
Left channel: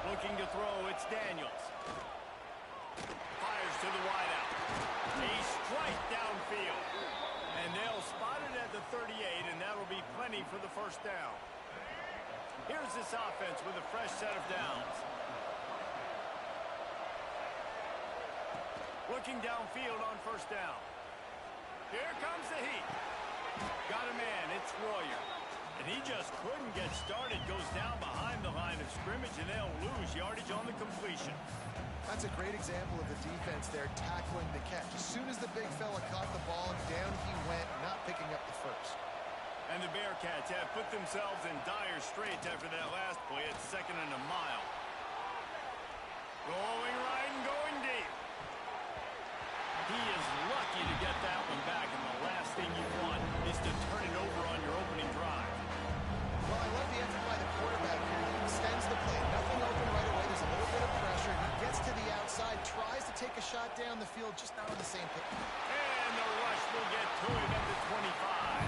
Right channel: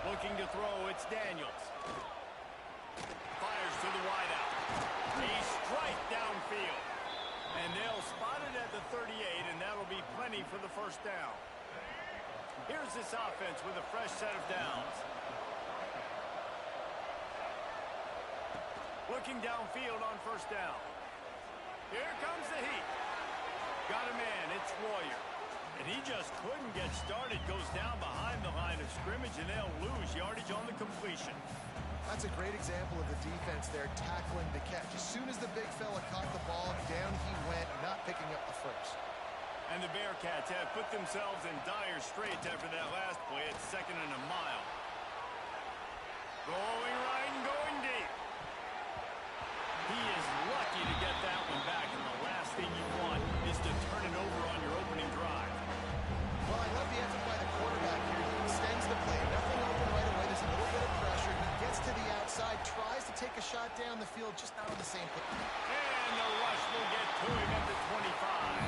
Looking to throw, it's Daniels. Fires to the wideout. A strike downfield. And they'll spot it at the 38, and that'll be plenty for the first down. Here's this offense with a fresh set of downs. Looking downfield on first down. Here comes the heat. Got a man, it's Royer. And he just couldn't get started. Goes down behind the line of scrimmage, and they'll lose yardage on the completion. That's a great example of the defense there tackling the catch. As soon as the big fella caught the ball, down he went, not picking up the first. And the Bearcats have put themselves in dire straits after that last play. It's 2nd and a mile. Going right and going deep. He is lucky to get that one back, and the last thing you want is to turn it over on your opening drive. Well, I love the effort by the quarterback here. He extends the play. Nothing open right away. There's a little bit of pressure. He gets to the outside, tries to take a shot down the field, just not on the same page. And the rush will get to him at the 25.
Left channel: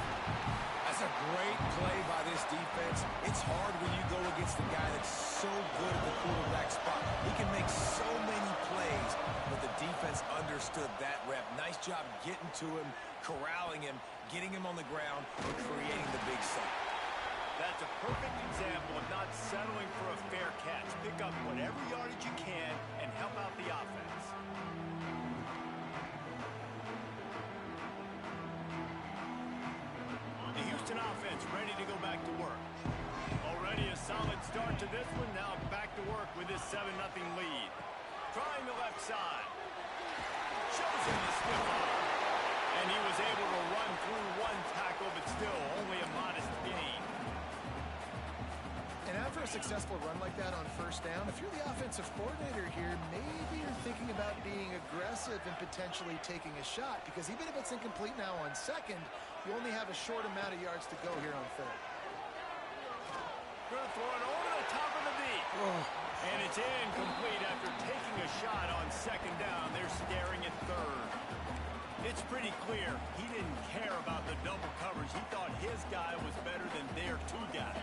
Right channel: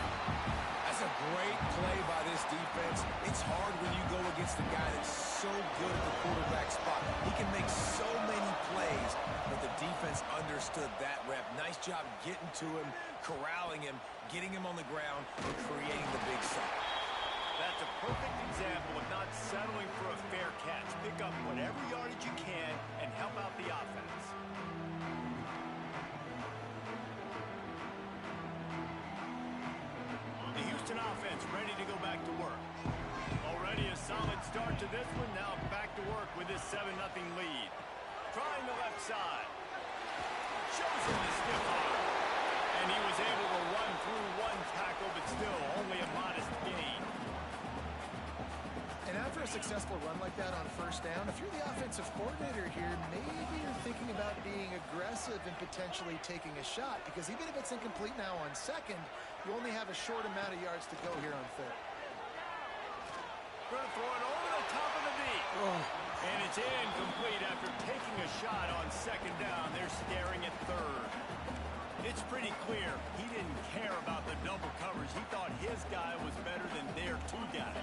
That's a great play by this defense. It's hard when you go against a guy that's so good at the quarterback spot. He can make so many plays, but the defense understood that rep. Nice job getting to him, corralling him, getting him on the ground, and creating the big sack. That's a perfect example of not settling for a fair catch. Pick up whatever yardage you can and help out the offense. The Houston offense defense ready to go back to work. Already a solid start to this one. Now back to work with this 7-0 lead. Trying the left side. Shows him the stiff arm. And he was able to run through one tackle, but still only a modest gain. And after a successful run like that on first down, if you're the offensive coordinator here, maybe you're thinking about being aggressive and potentially taking a shot, because even if it's incomplete now on second, you only have a short amount of yards to go here on third. Going to throw it over the top of the deep. And it's incomplete after taking a shot on second down. They're staring at third. It's pretty clear he didn't care about the double coverage. He thought his guy was better than their two guys.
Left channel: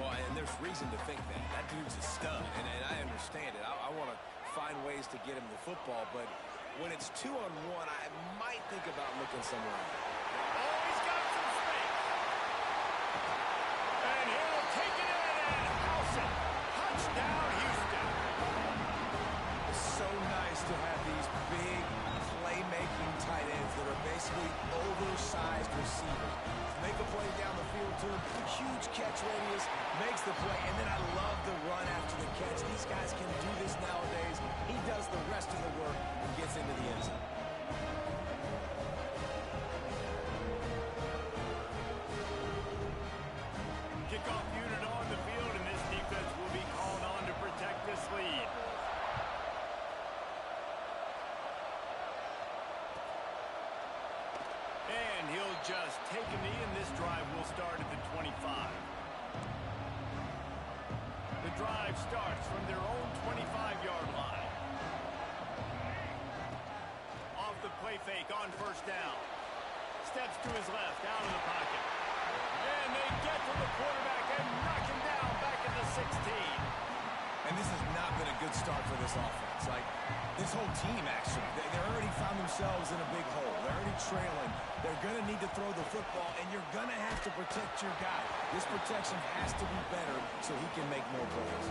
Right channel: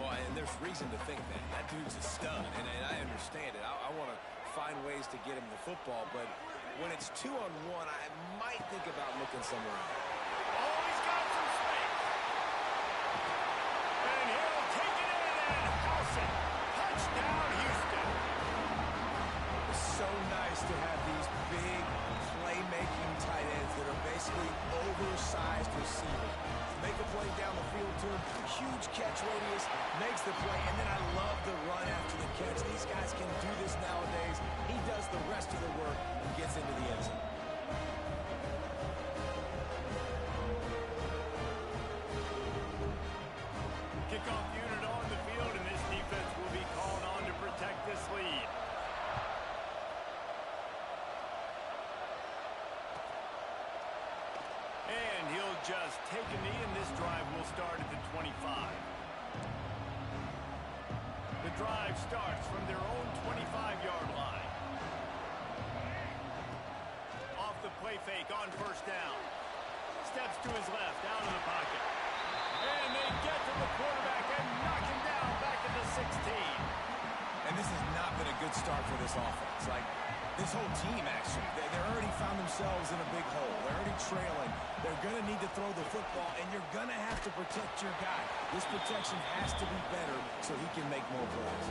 Well, and there's reason to think that. That dude's a stud, and I understand it. I want to find ways to get him the football, but when it's 2-on-1, I might think about looking somewhere else. Oh, he's got some space. And he'll take it in and house it. Touchdown, Houston. It's so nice to have these big playmaking tight ends that are basically oversized receivers. Make a play down the field to him, huge catch radius, makes the play, and then I love the run after the catch. These guys can do this nowadays. He does the rest of the work and gets into the end zone. Kickoff unit on the field, and this defense will be called on to protect this lead. And he'll just take a knee, and this drive will start at the 25. The drive starts from their own 25-yard line. Off the play fake on first down. Steps to his left, out of the pocket. And they get to the quarterback and knock him down back at the 16. And this has not been a good start for this offense. Like, this whole team, actually. They're already found themselves in a big hole. They're already trailing. They're going to need to throw the football, and you're going to have to protect your guy. This protection has to be better so he can make more plays.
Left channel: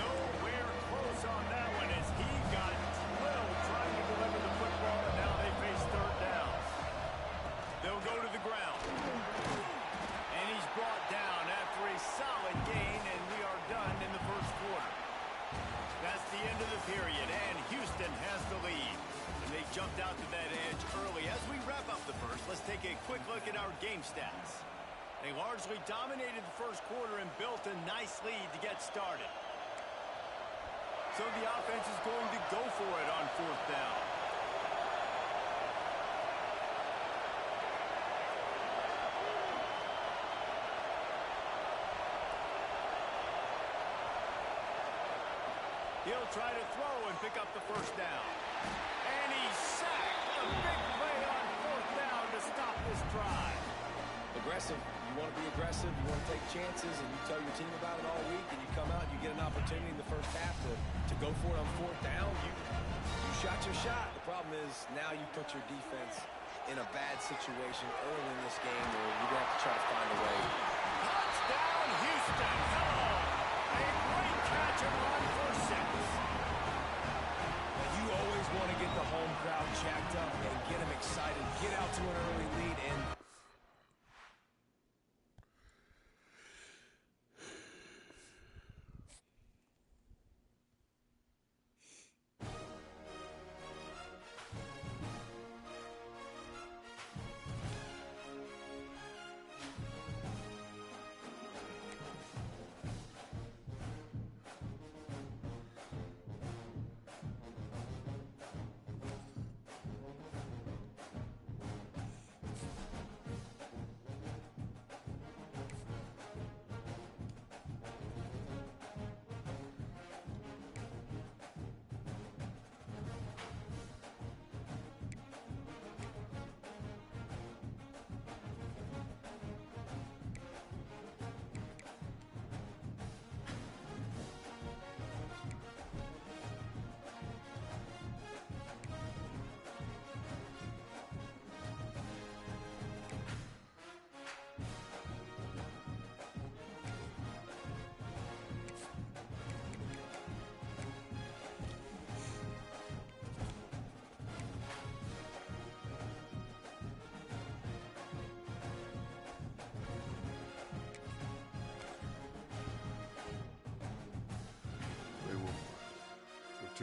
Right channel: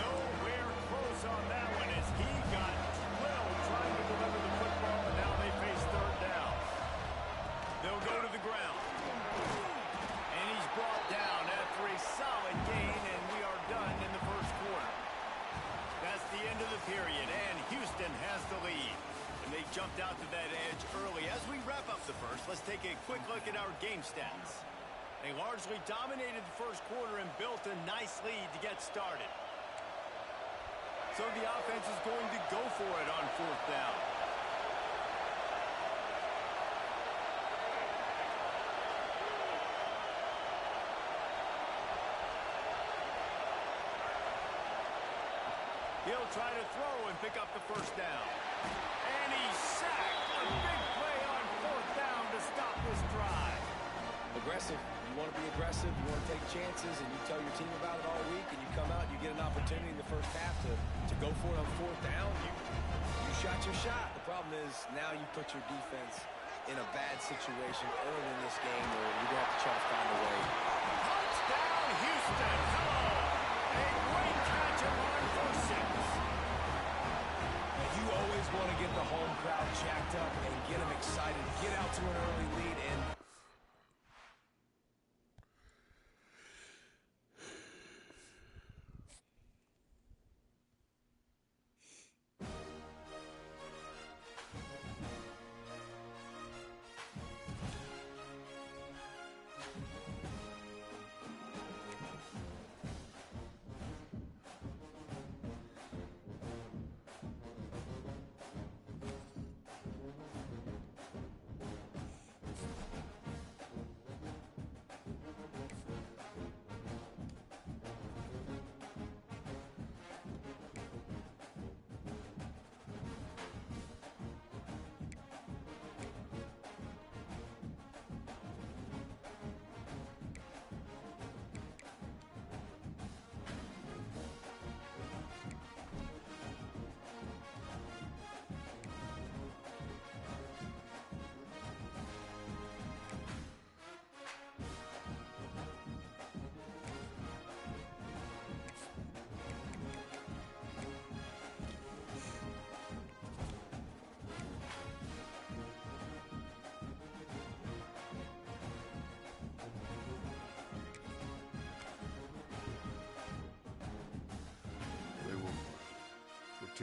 Nowhere close on that one as he got drilled trying to deliver the football, and now they face third down. They'll go to the ground. And he's brought down after a solid gain, and we are done in the first quarter. That's the end of the period, and Houston has the lead. And they jumped out to that edge early. As we wrap up the first, let's take a quick look at our game stats. They largely dominated the first quarter and built a nice lead to get started. So the offense is going to go for it on fourth down. He'll try to throw and pick up the first down. And he's sacked. A big play on fourth down to stop this drive. Aggressive. You want to be aggressive. You want to take chances, and you tell your team about it all week, and you come out and you get an opportunity in the first half to go for it on fourth down. You shot your shot. The problem is now you put your defense in a bad situation early in this game where you're going to have to try to find a way. Touchdown, Houston. Hello. A great catch and run for 6. Now, you always want to get the home crowd jacked up and get them excited, get out to an early lead, and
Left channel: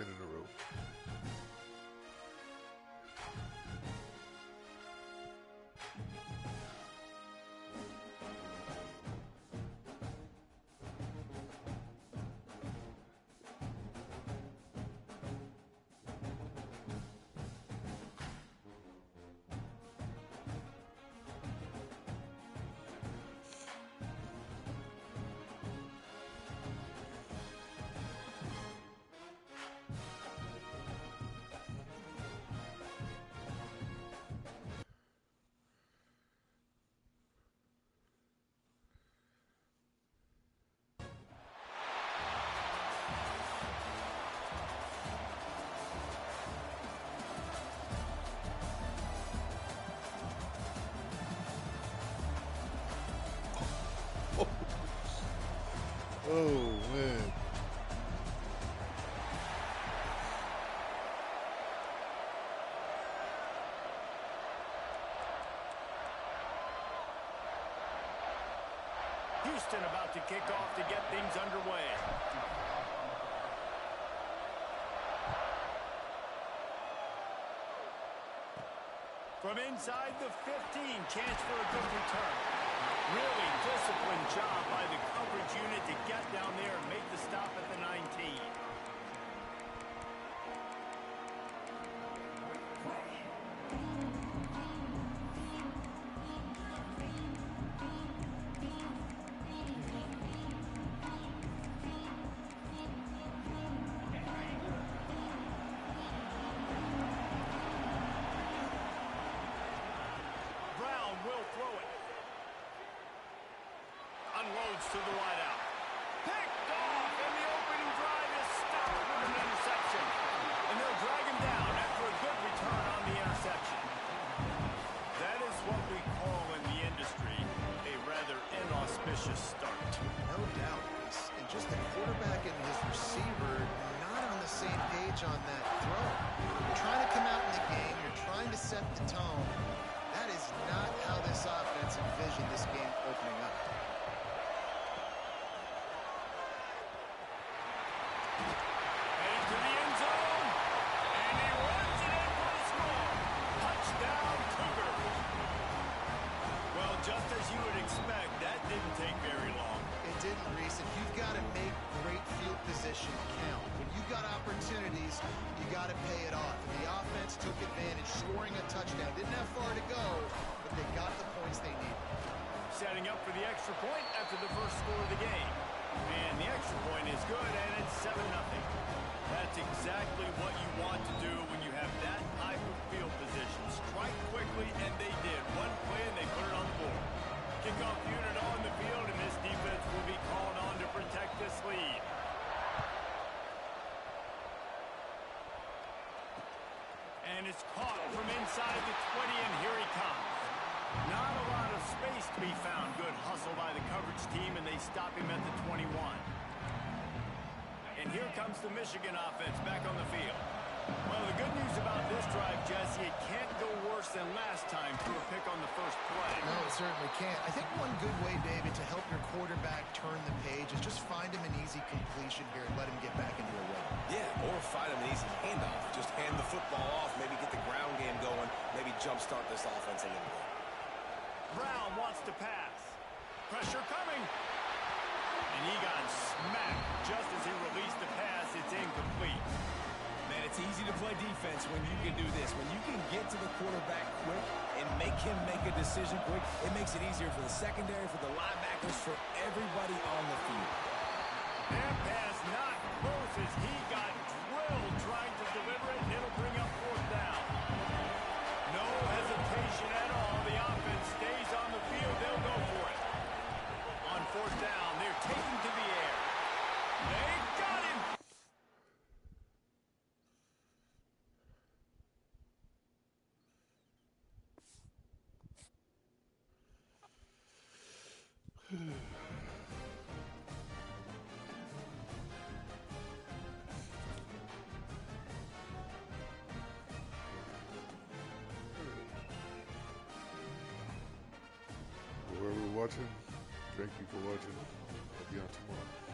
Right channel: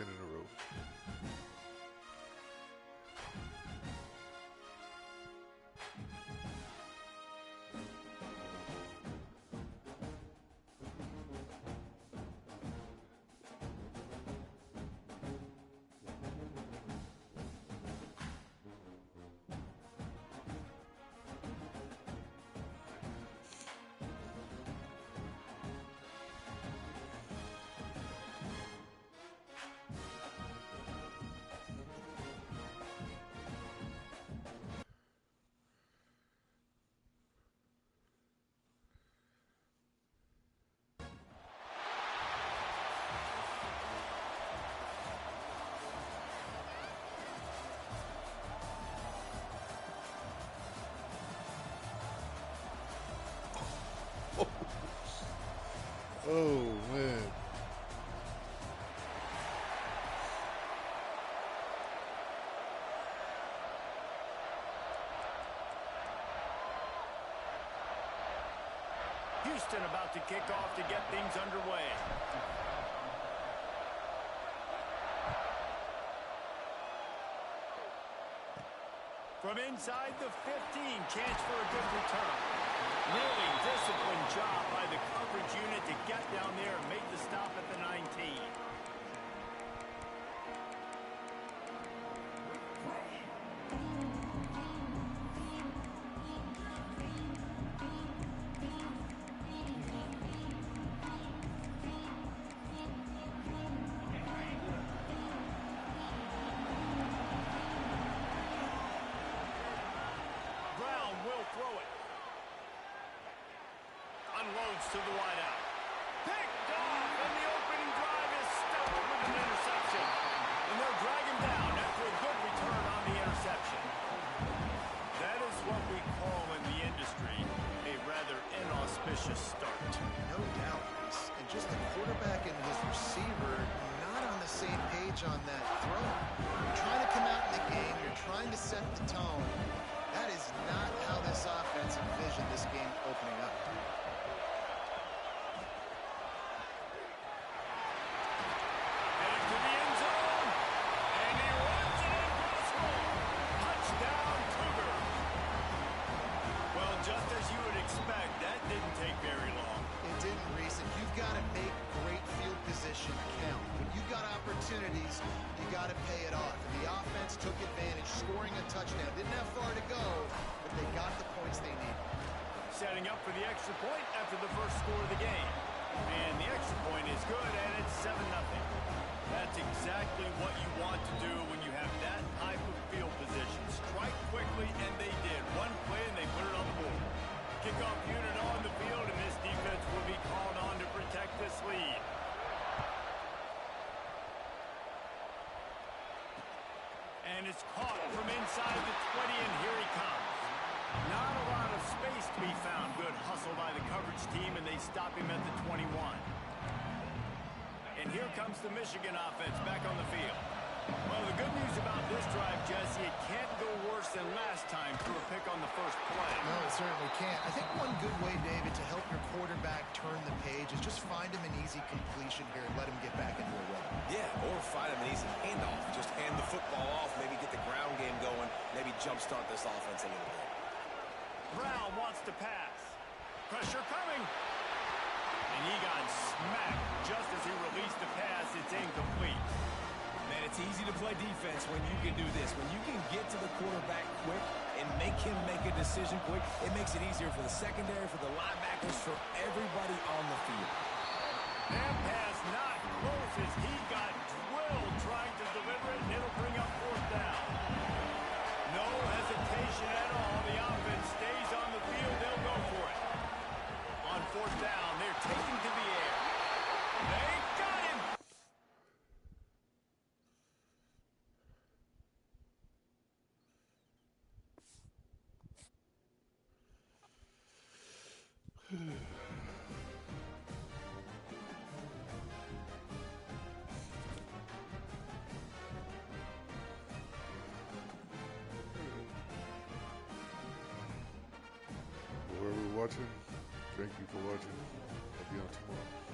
10 in a row. Oh, man. Houston about to kick off to get things underway. From inside the 15, chance for a good return. Really disciplined job by the coverage unit to get down there and make the stop at the 19. Brown will throw it. Unloads to the wideout. Picked off, and the opening drive is stopped with an interception. And they'll drag him down after a good return on the interception. That is what we call in the industry a rather inauspicious start. No doubt, Reese. And just the quarterback and his receiver not on the same page on that throw. You're trying to come out in the game. You're trying to set the tone. That is not how this offense envisioned this game opening up. Headed to the end zone, and he runs it in for the score. Touchdown, Cougars. Well, just as you would expect, that didn't take very long. It didn't, Reese, and you've got to make great field position count. When you've got opportunities, you got to pay it off. And the offense took advantage, scoring a touchdown. Didn't have far to go, but they got the points they needed. Setting up for the extra point after the first score of the game. And the extra point is good, and it's 7-0. That's exactly what you want to do when you have that type of field position. Strike quickly, and they did. One play, and they put it on the board. Kickoff unit on the field, and this defense will be called on to protect this lead. And it's caught from inside the 20, and here he comes. Not a lot of space to be found. Good hustle by the coverage team, and they stop him at the 21. And here comes the Michigan offense back on the field. Well, the good news about this drive, Jesse, it can't go worse than last time through a pick on the first play. No, it certainly can't. I think one good way, David, to help your quarterback turn the page is just find him an easy completion here and let him get back into a rhythm. Yeah, or find him an easy handoff. Just hand the football off, maybe get the ground game going, maybe jumpstart this offense a little bit. Brown wants to pass. Pressure coming. And he got smacked just as he released the pass. It's incomplete. Man, it's easy to play defense when you can do this. When you can get to the quarterback quick and make him make a decision quick, it makes it easier for the secondary, for the linebackers, for everybody on the field. That pass not close as he got drilled trying to deliver it, and it'll bring up fourth down. No hesitation at all. The offense stays on the field. They'll go for it. On fourth down, they're taking to the air. They got him. Whoever watching, thank you for watching. I'll be on tomorrow.